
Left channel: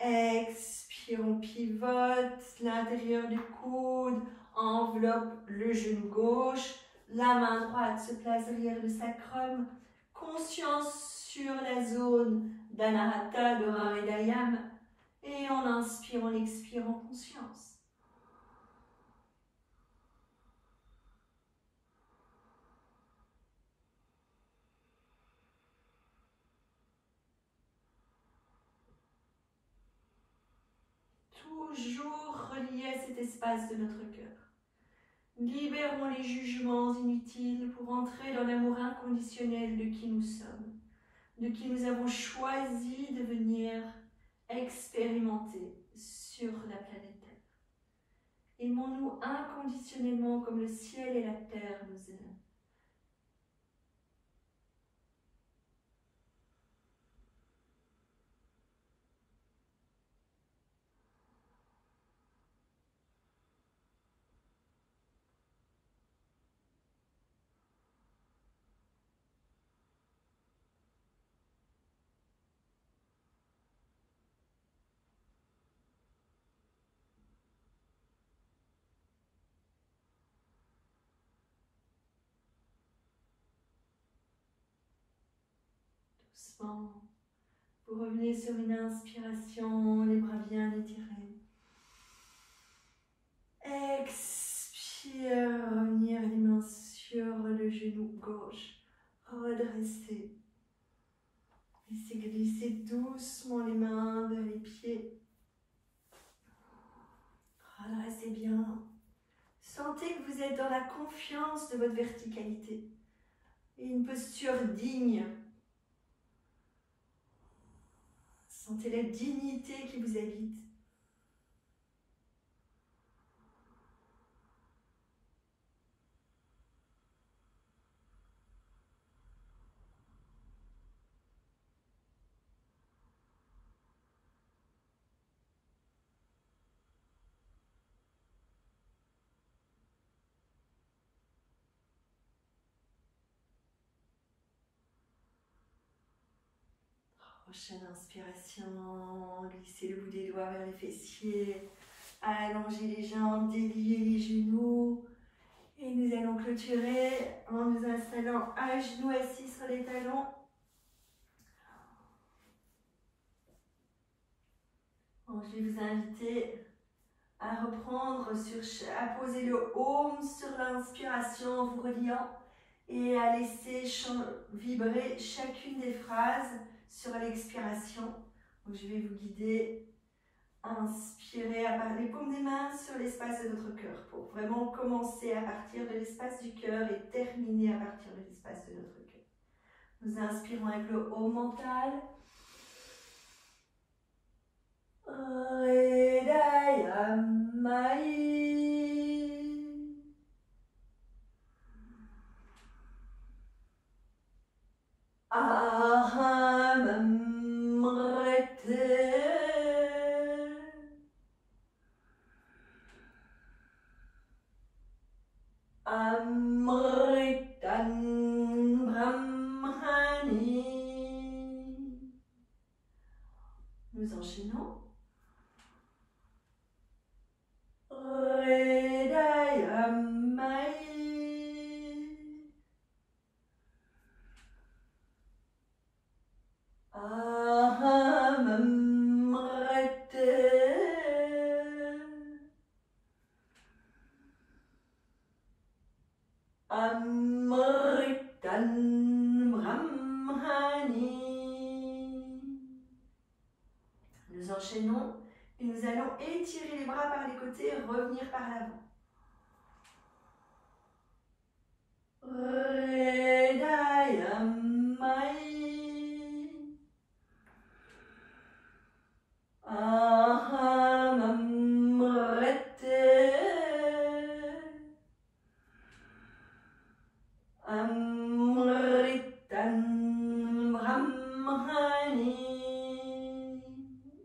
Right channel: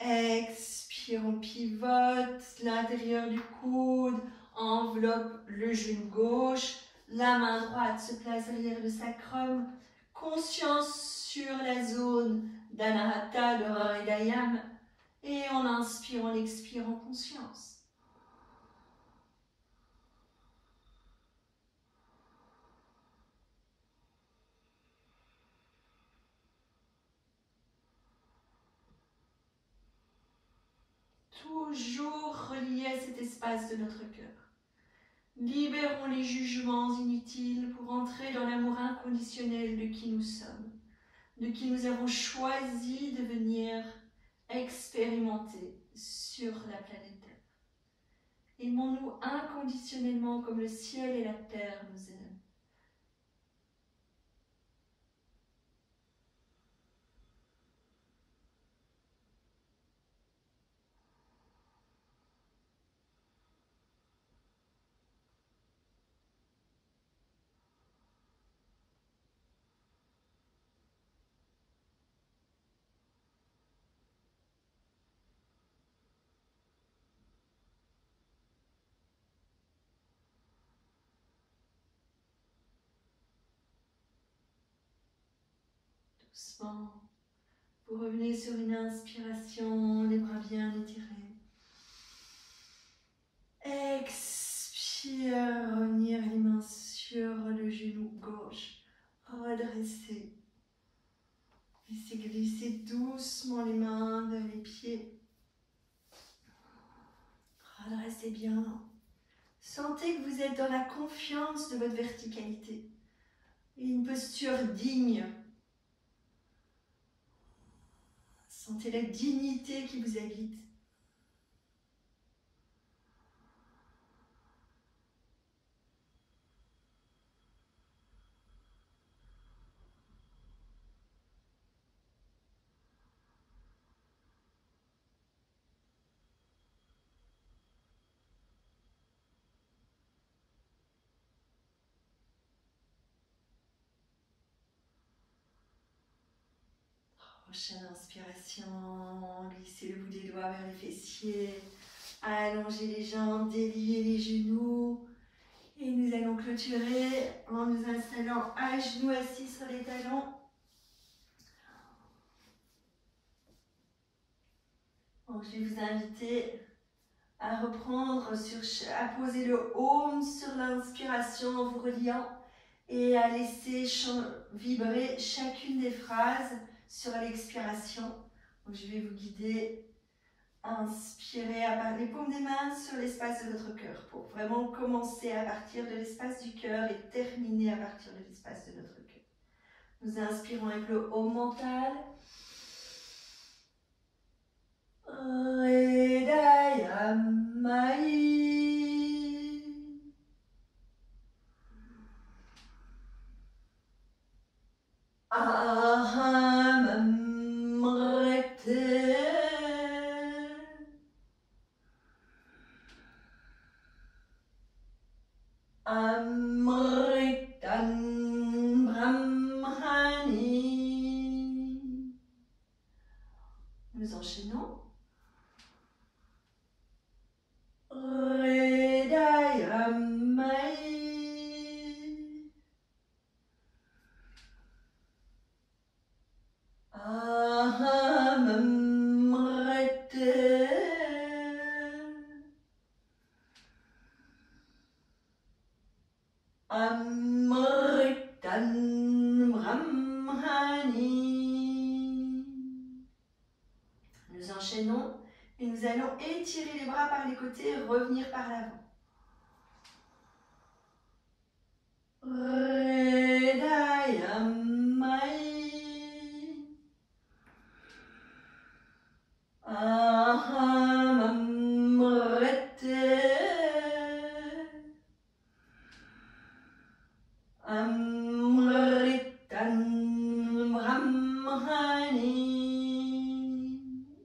Expire, on pivote, l'intérieur du coude enveloppe le genou gauche, la main droite se place derrière le sacrum, conscience sur la zone d'Anahata, de Hridayam, et on inspire, on expire en conscience. Toujours relié à cet espace de notre cœur. Libérons les jugements inutiles pour entrer dans l'amour inconditionnel de qui nous sommes, de qui nous avons choisi de venir expérimenter sur la planète Terre. Aimons-nous inconditionnellement comme le ciel et la terre nous aiment. Doucement. Vous revenez sur une inspiration, les bras bien étirés. Expire, revenir les mains sur le genou gauche. Redresser. Laissez glisser doucement les mains vers les pieds. Redressez bien. Sentez que vous êtes dans la confiance de votre verticalité. Et une posture digne. Sentez la dignité qui vous habite. Prochaine inspiration, glissez le bout des doigts vers les fessiers, allongez les jambes, déliez les genoux. Et nous allons clôturer en nous installant à genoux assis sur les talons. Donc, je vais vous inviter à reprendre, à poser le Om sur l'inspiration en vous reliant et à laisser vibrer chacune des phrases sur l'expiration. Donc, je vais vous guider. Inspirez les paumes des mains sur l'espace de votre cœur pour vraiment commencer à partir de l'espace du cœur et terminer à partir de l'espace de notre cœur. Nous inspirons avec le Om mental. Nous enchaînons. Nous enchaînons et nous allons étirer les bras par les côtés et revenir par l'avant.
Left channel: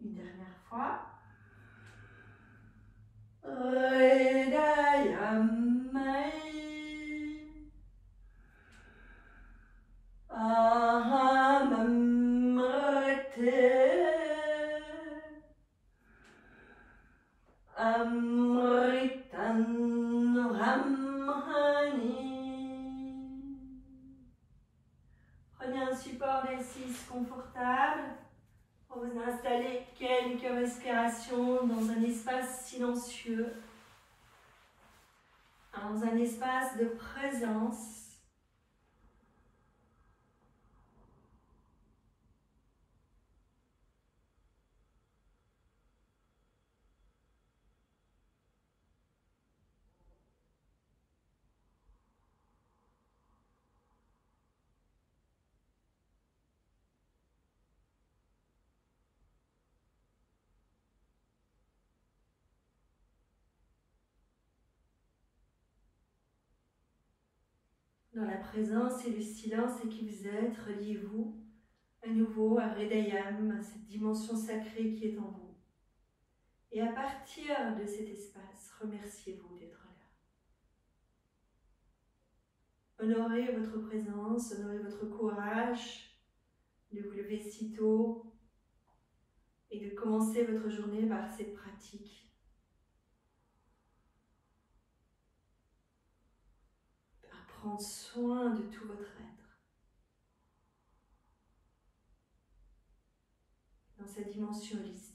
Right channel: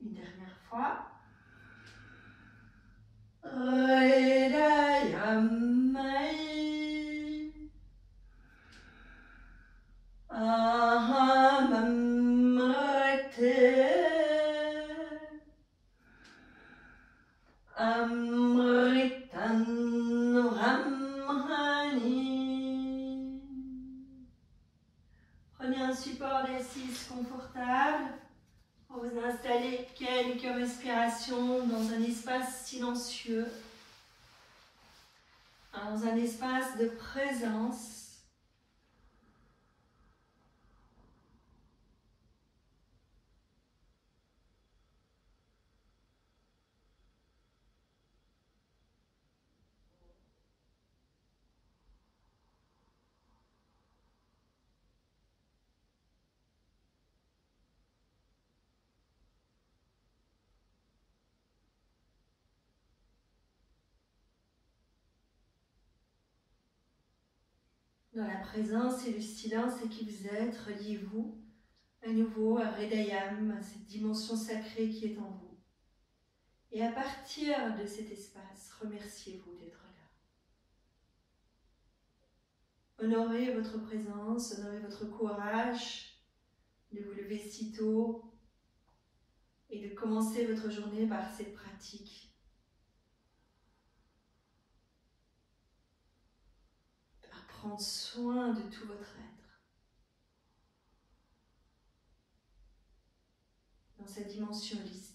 Une dernière fois. Prenez un support d'assise confortable pour vous installer quelques respirations dans un espace silencieux, dans un espace de présence. Dans la présence et le silence qui vous êtes, reliez-vous à nouveau à Hridayam, à cette dimension sacrée qui est en vous. Et à partir de cet espace, remerciez-vous d'être là. Honorez votre présence, honorez votre courage de vous lever si tôt et de commencer votre journée par cette pratique. Prendre soin de tout votre être. sa dimension holistique.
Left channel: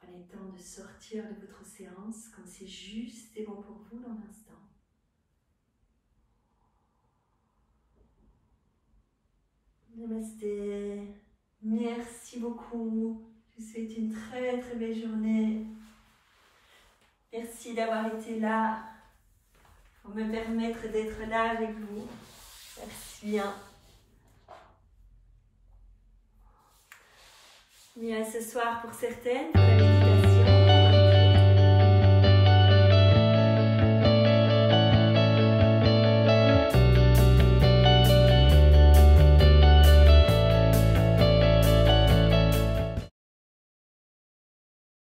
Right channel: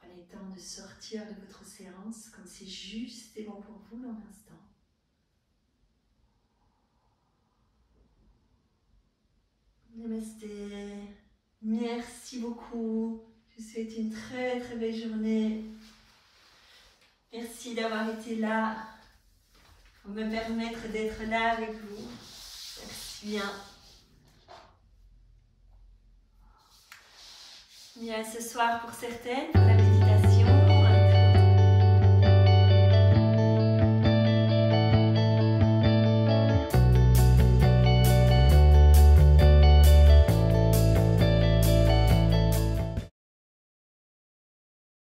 Prenez le temps de sortir de votre séance comme c'est juste et bon pour vous dans l'instant. Namasté. Merci beaucoup. Je vous souhaite une très très belle journée. Merci d'avoir été là pour me permettre d'être là avec vous. Merci bien. Et à ce soir pour certaines, pour la méditation.